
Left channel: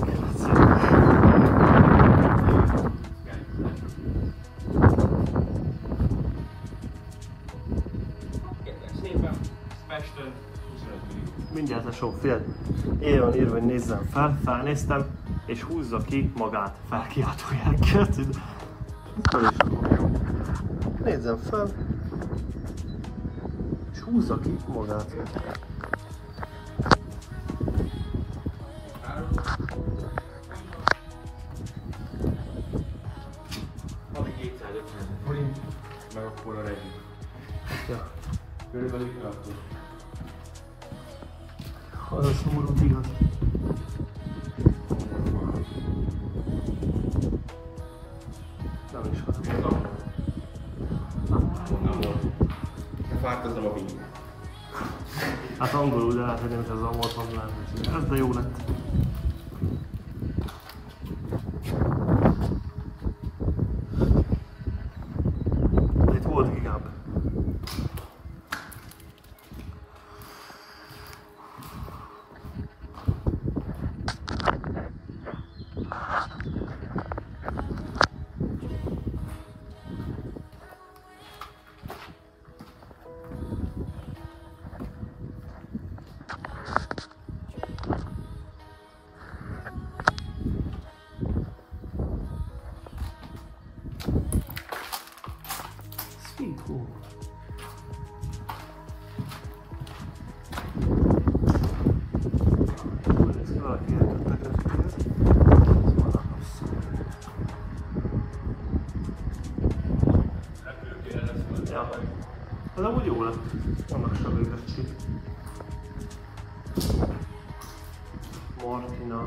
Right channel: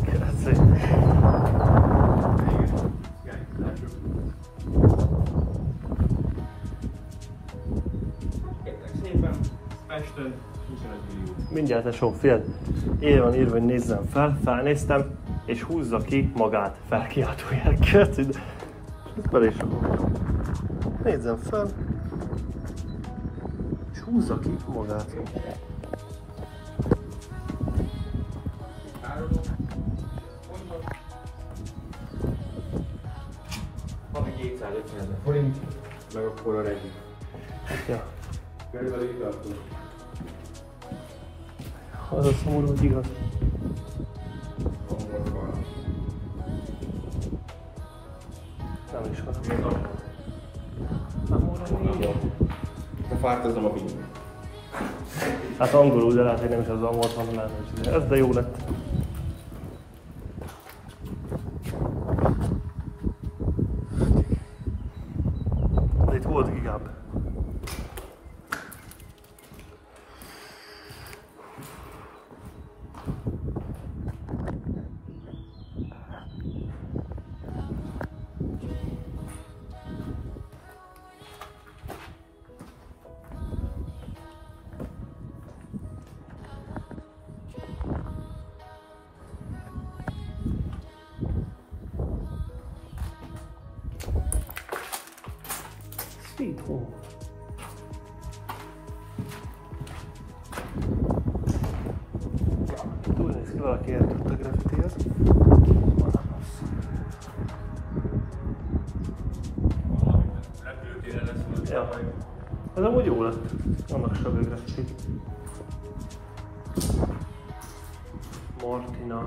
Grazie. Szépen Pesten 25 millió. Mindjárt tesó, figyelj. Így van írva, hogy nézzem fel, felnéztem, és húzza ki magát felkiáltójelként. Mikor is fogom. Nézzem fel, és húzza ki magát. Van 250 forint, meg akkor a regi. Ja. Körülbelül itt tartunk. Az a szomorú, hogy igaz. Nem is hozom. Befárkozom a víz. Hát angolul, de lehet, hogy nem is az volt van lenni. Ez de jó lett. De itt volt gigább. Sweet home. Úgy néz ki, valaki eltudta graffitiát. Ja. Ez amúgy jó lett. Annak stabil graffiti. Martina.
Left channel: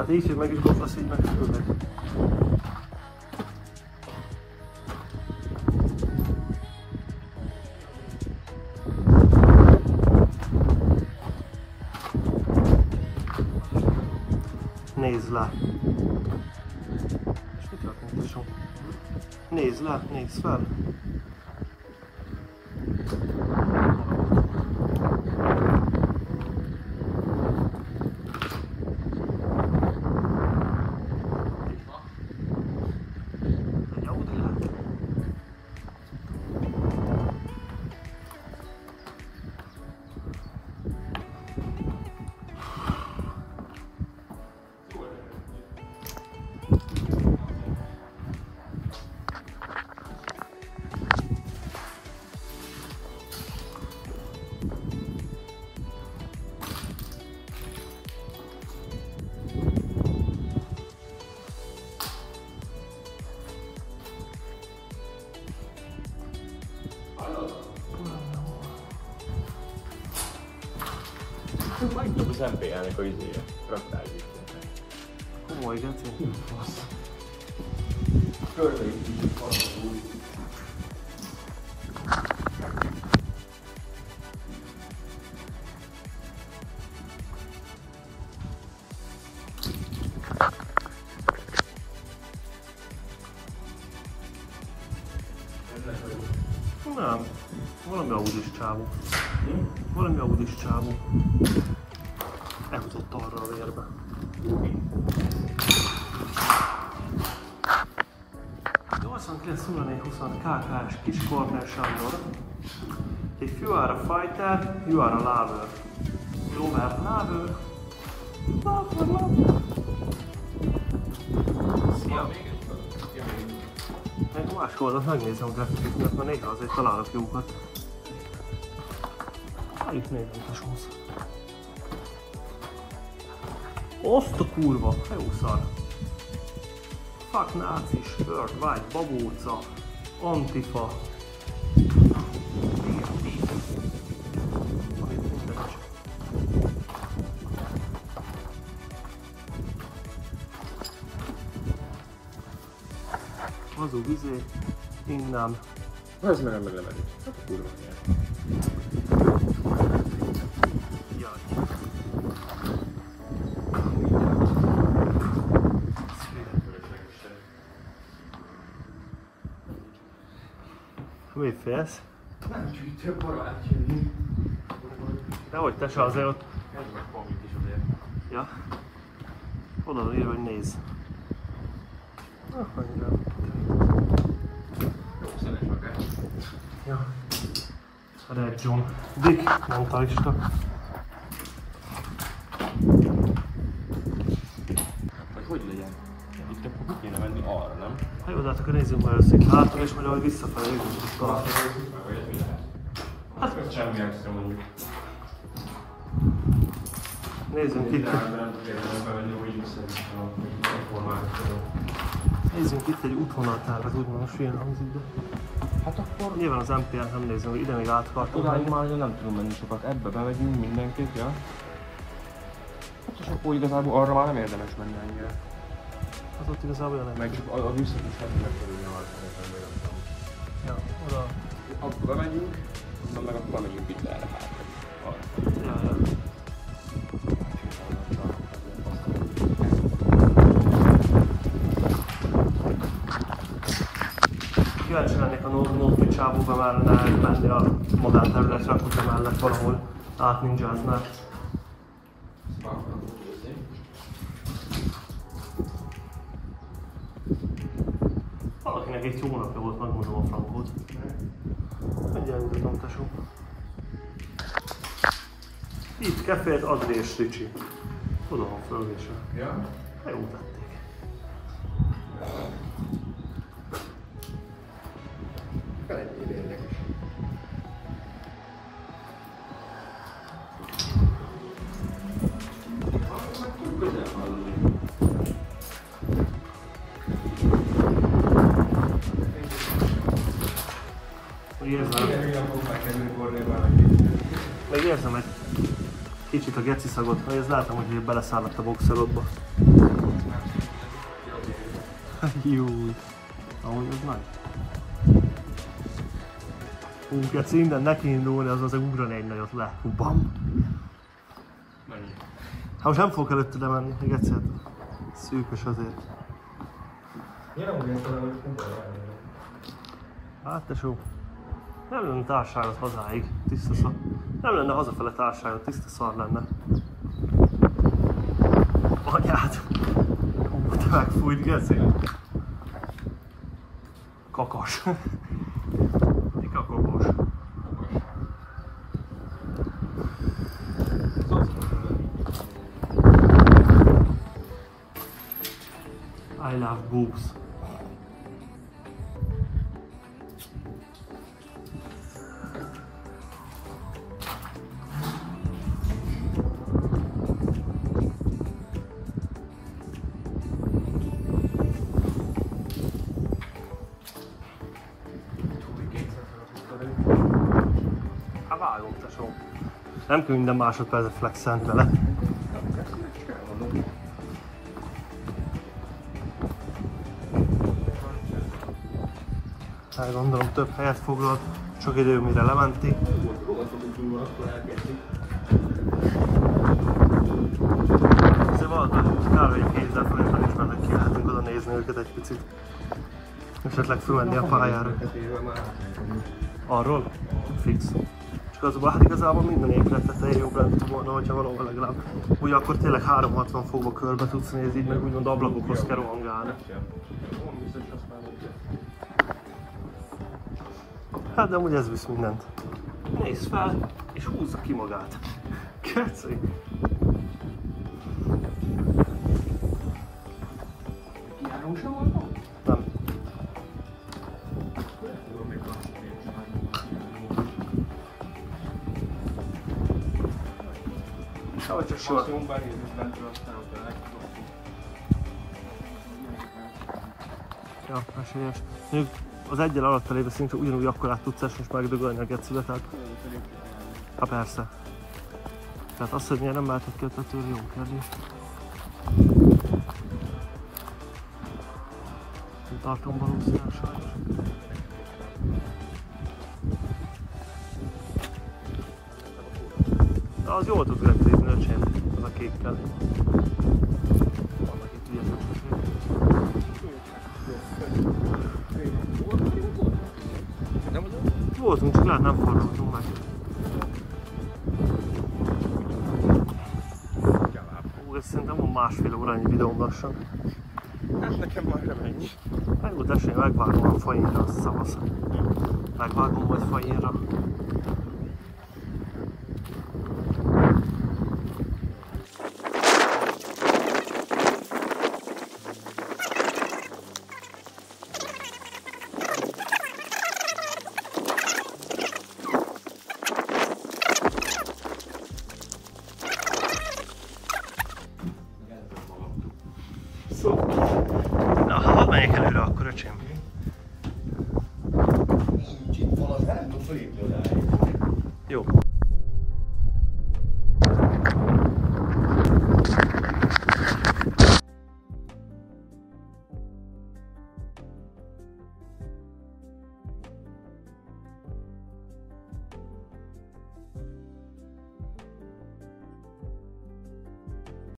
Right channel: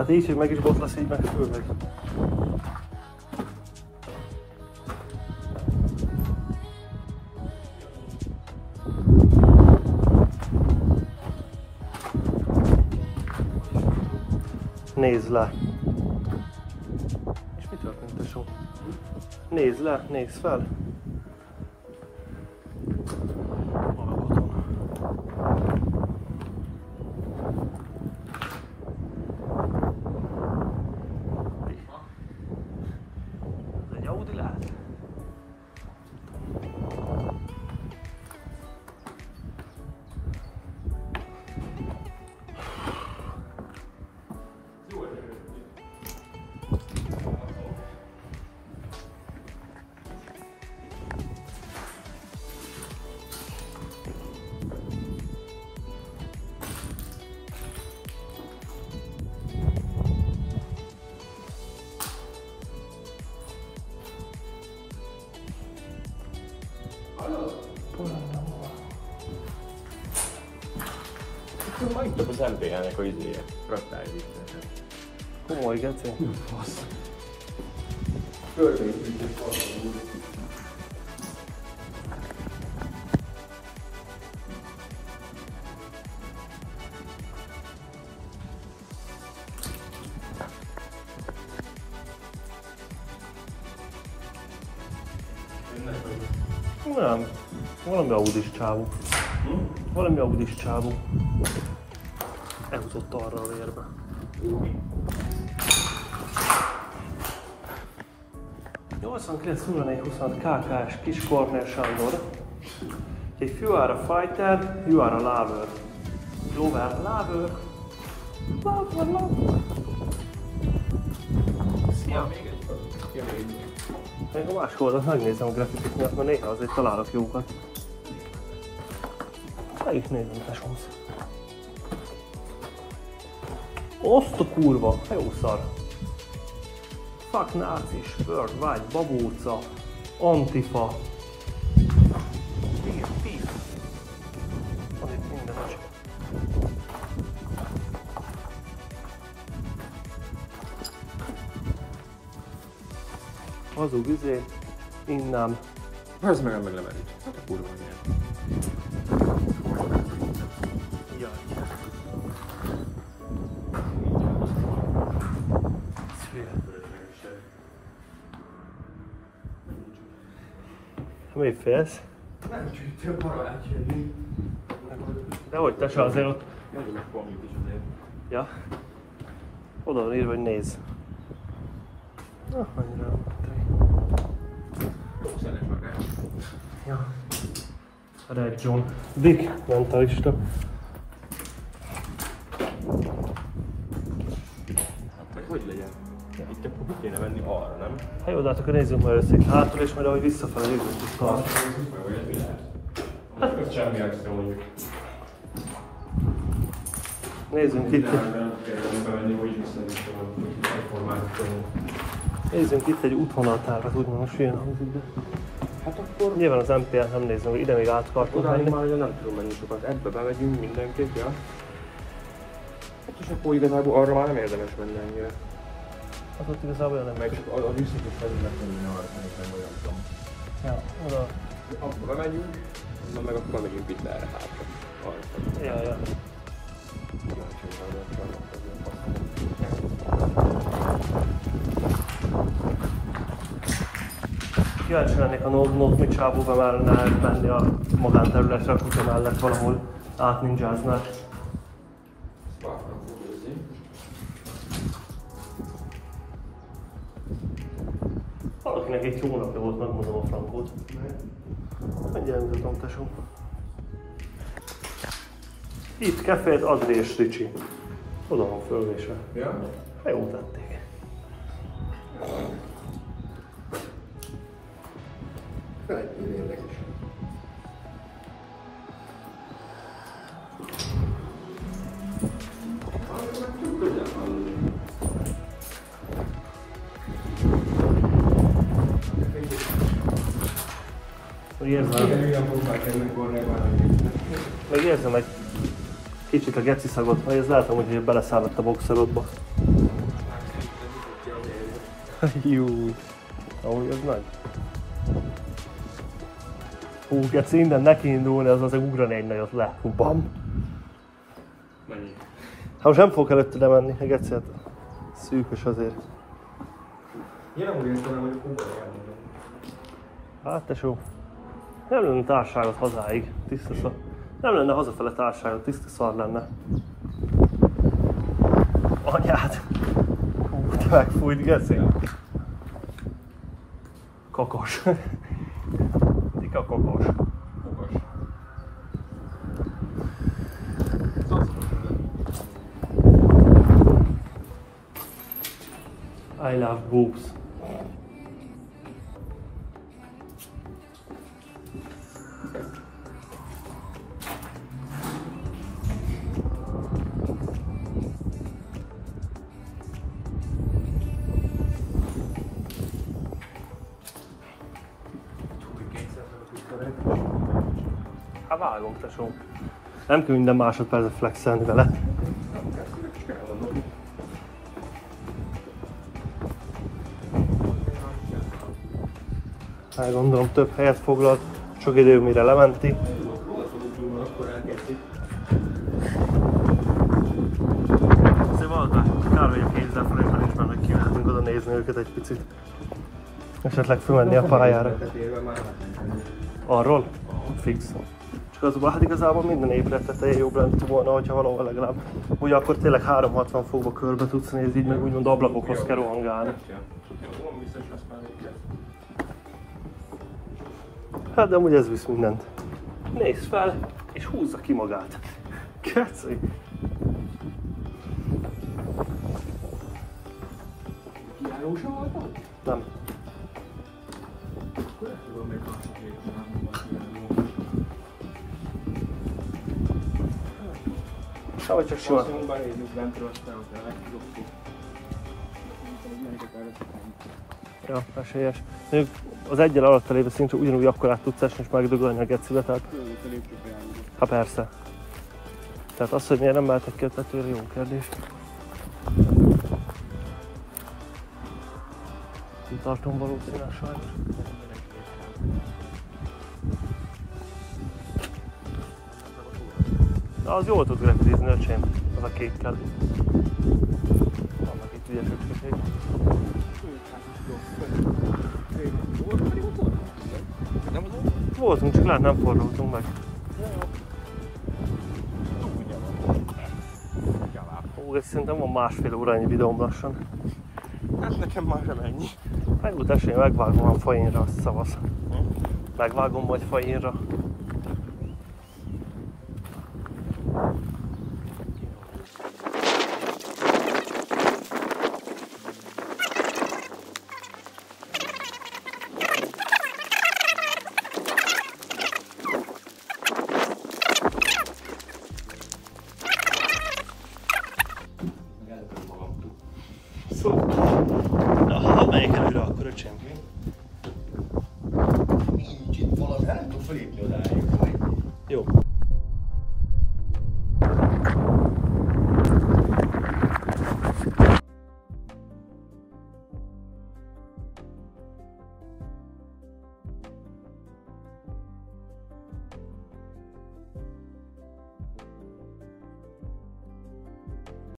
Hát így, hogy meg is botlasz, így meg főleg. Nézd le! És mi történt, tesó? Nézd le, nézd fel! Egy Audi lehet? Megint az MPH-nek a izére. Komoly, geci. Nem. Valami Audis csávú. Valami Audis csávú. Elhozott arra a vérbe. De 89-04-20 KKS Kis Corner Sándor. If you are a fighter, you are a lover. Lover, lover. Lover, lover. Szia! Még a másik oldalt megnézem a grafikit miatt, mert néha azért találok jókat. Ha itt nézzünk a sonsz. Azt a kurva, ha jó szar. Fuck nácis, worldwide, babóca, antifa. Igen, tíz. Van itt minden az. Hazug izé, innen. Ez meg nem megy. Jaj. Mi félsz? Nem csak több barát jönni. Dehogy te se azért ott... Ja. Oda van írva, hogy nézz. Na, annyira. Ja. Red John. Dick mentalista. Ez hogy legyen? Itt akkor hogy kéne menni arra, nem? Ha jó, de hát akkor nézzünk majd össze itt hátra, és majd ahogy visszafele jövünk is tart. Hát ez semmi extra mondjuk. Nézzünk itt. Nézzünk itt egy útvonaltárvat, úgymond most ilyen hangzik, de... Hát akkor... Nyilván az MPL-t nem nézzünk, ide még át akartunk Odáig menni. már nem tudom menni sokat. Ebbe bemegyünk mindenképp, ja? Hát és akkor igazából arra már nem érdemes menni ennyire. Az ott igazából nem Meg megy. csak a visszat is felül megtanulni arra, nem megadtam. Ja, oda. Akkor bemegyünk, meg akkor bemegyünk itt erre hátra. Ja, ja. Kíváncsi lennék a Notmi csábúba már ne menni a magánterületre, a kutya mellett valahol átninjáznál. Valakinek egy jó napja volt, megmondom a frankót. Mindjárt mutatom, tesó. Itt kefét, Adri és Ricsi. Oda van fölvése. Ja? Ha jó tették. Még érzem egy Kicsit a geci szagot, vagy ez látom, hogy beleszállott a boxerodba. Júj, ahogy az nagy. Hú, geci, innen neki indulni, az azért ugrani egy nagyot le. Bam! Hát most nem fogok előtte lemenni, a geci, hát szűkös azért. Hát tesó, nem lenne társágot hazáig, tiszta szar. Nem lenne hazafele társágot, tiszta szar lenne. Anyád! Hú, te megfújt, geci. Kakos. Tika kakos. I love boobs. Hát vágom, tesó. Nem kell minden másodpercet flexelni vele. Hát gondolom több helyet foglalt, sok idő mire lementi. Azért valóta kb. 2000 forintban is mennek ki, lehetünk oda nézni őket egy picit. Esetleg fölmenni a pályára. Arról? Fix. Csak azonban hát igazából minden épület tetején jobb lett volna, hogyha valahol legalább. Ugye akkor tényleg 360 fokba körbe tudsz nézni, így meg úgymond ablakokhoz kell rohangálni. Hát de amúgy ez visz mindent. Nézz fel, és húzza ki magát. Keci! Nem. Szóval csak sima. Ja, esélyes. Az egyel alatt lévő szint ugyanúgy akkorát tudsz esni és megdögölni a gecibe, tehát... Hát persze. Tehát az, hogy miért nem mehetek ki a tetőre, jó kérdés. Nem tartom valószínűleg sajnos. Na, az jól tud repülni, öcsém, az a kékkel. Vannak itt ügyes öcsöség. Voltunk, csak lehet nem fordultunk meg. Ó, ez szerintem van másfél órányi videóm lassan. Hát nekem már nem ennyi. Hát úgy esély, megvágom a fajinra, szavasz. Megvágom majd fajinra. De ha hadd menjek előre akkor, öcsém. Nincs itt valami, nem tud felépni odáig. Jó.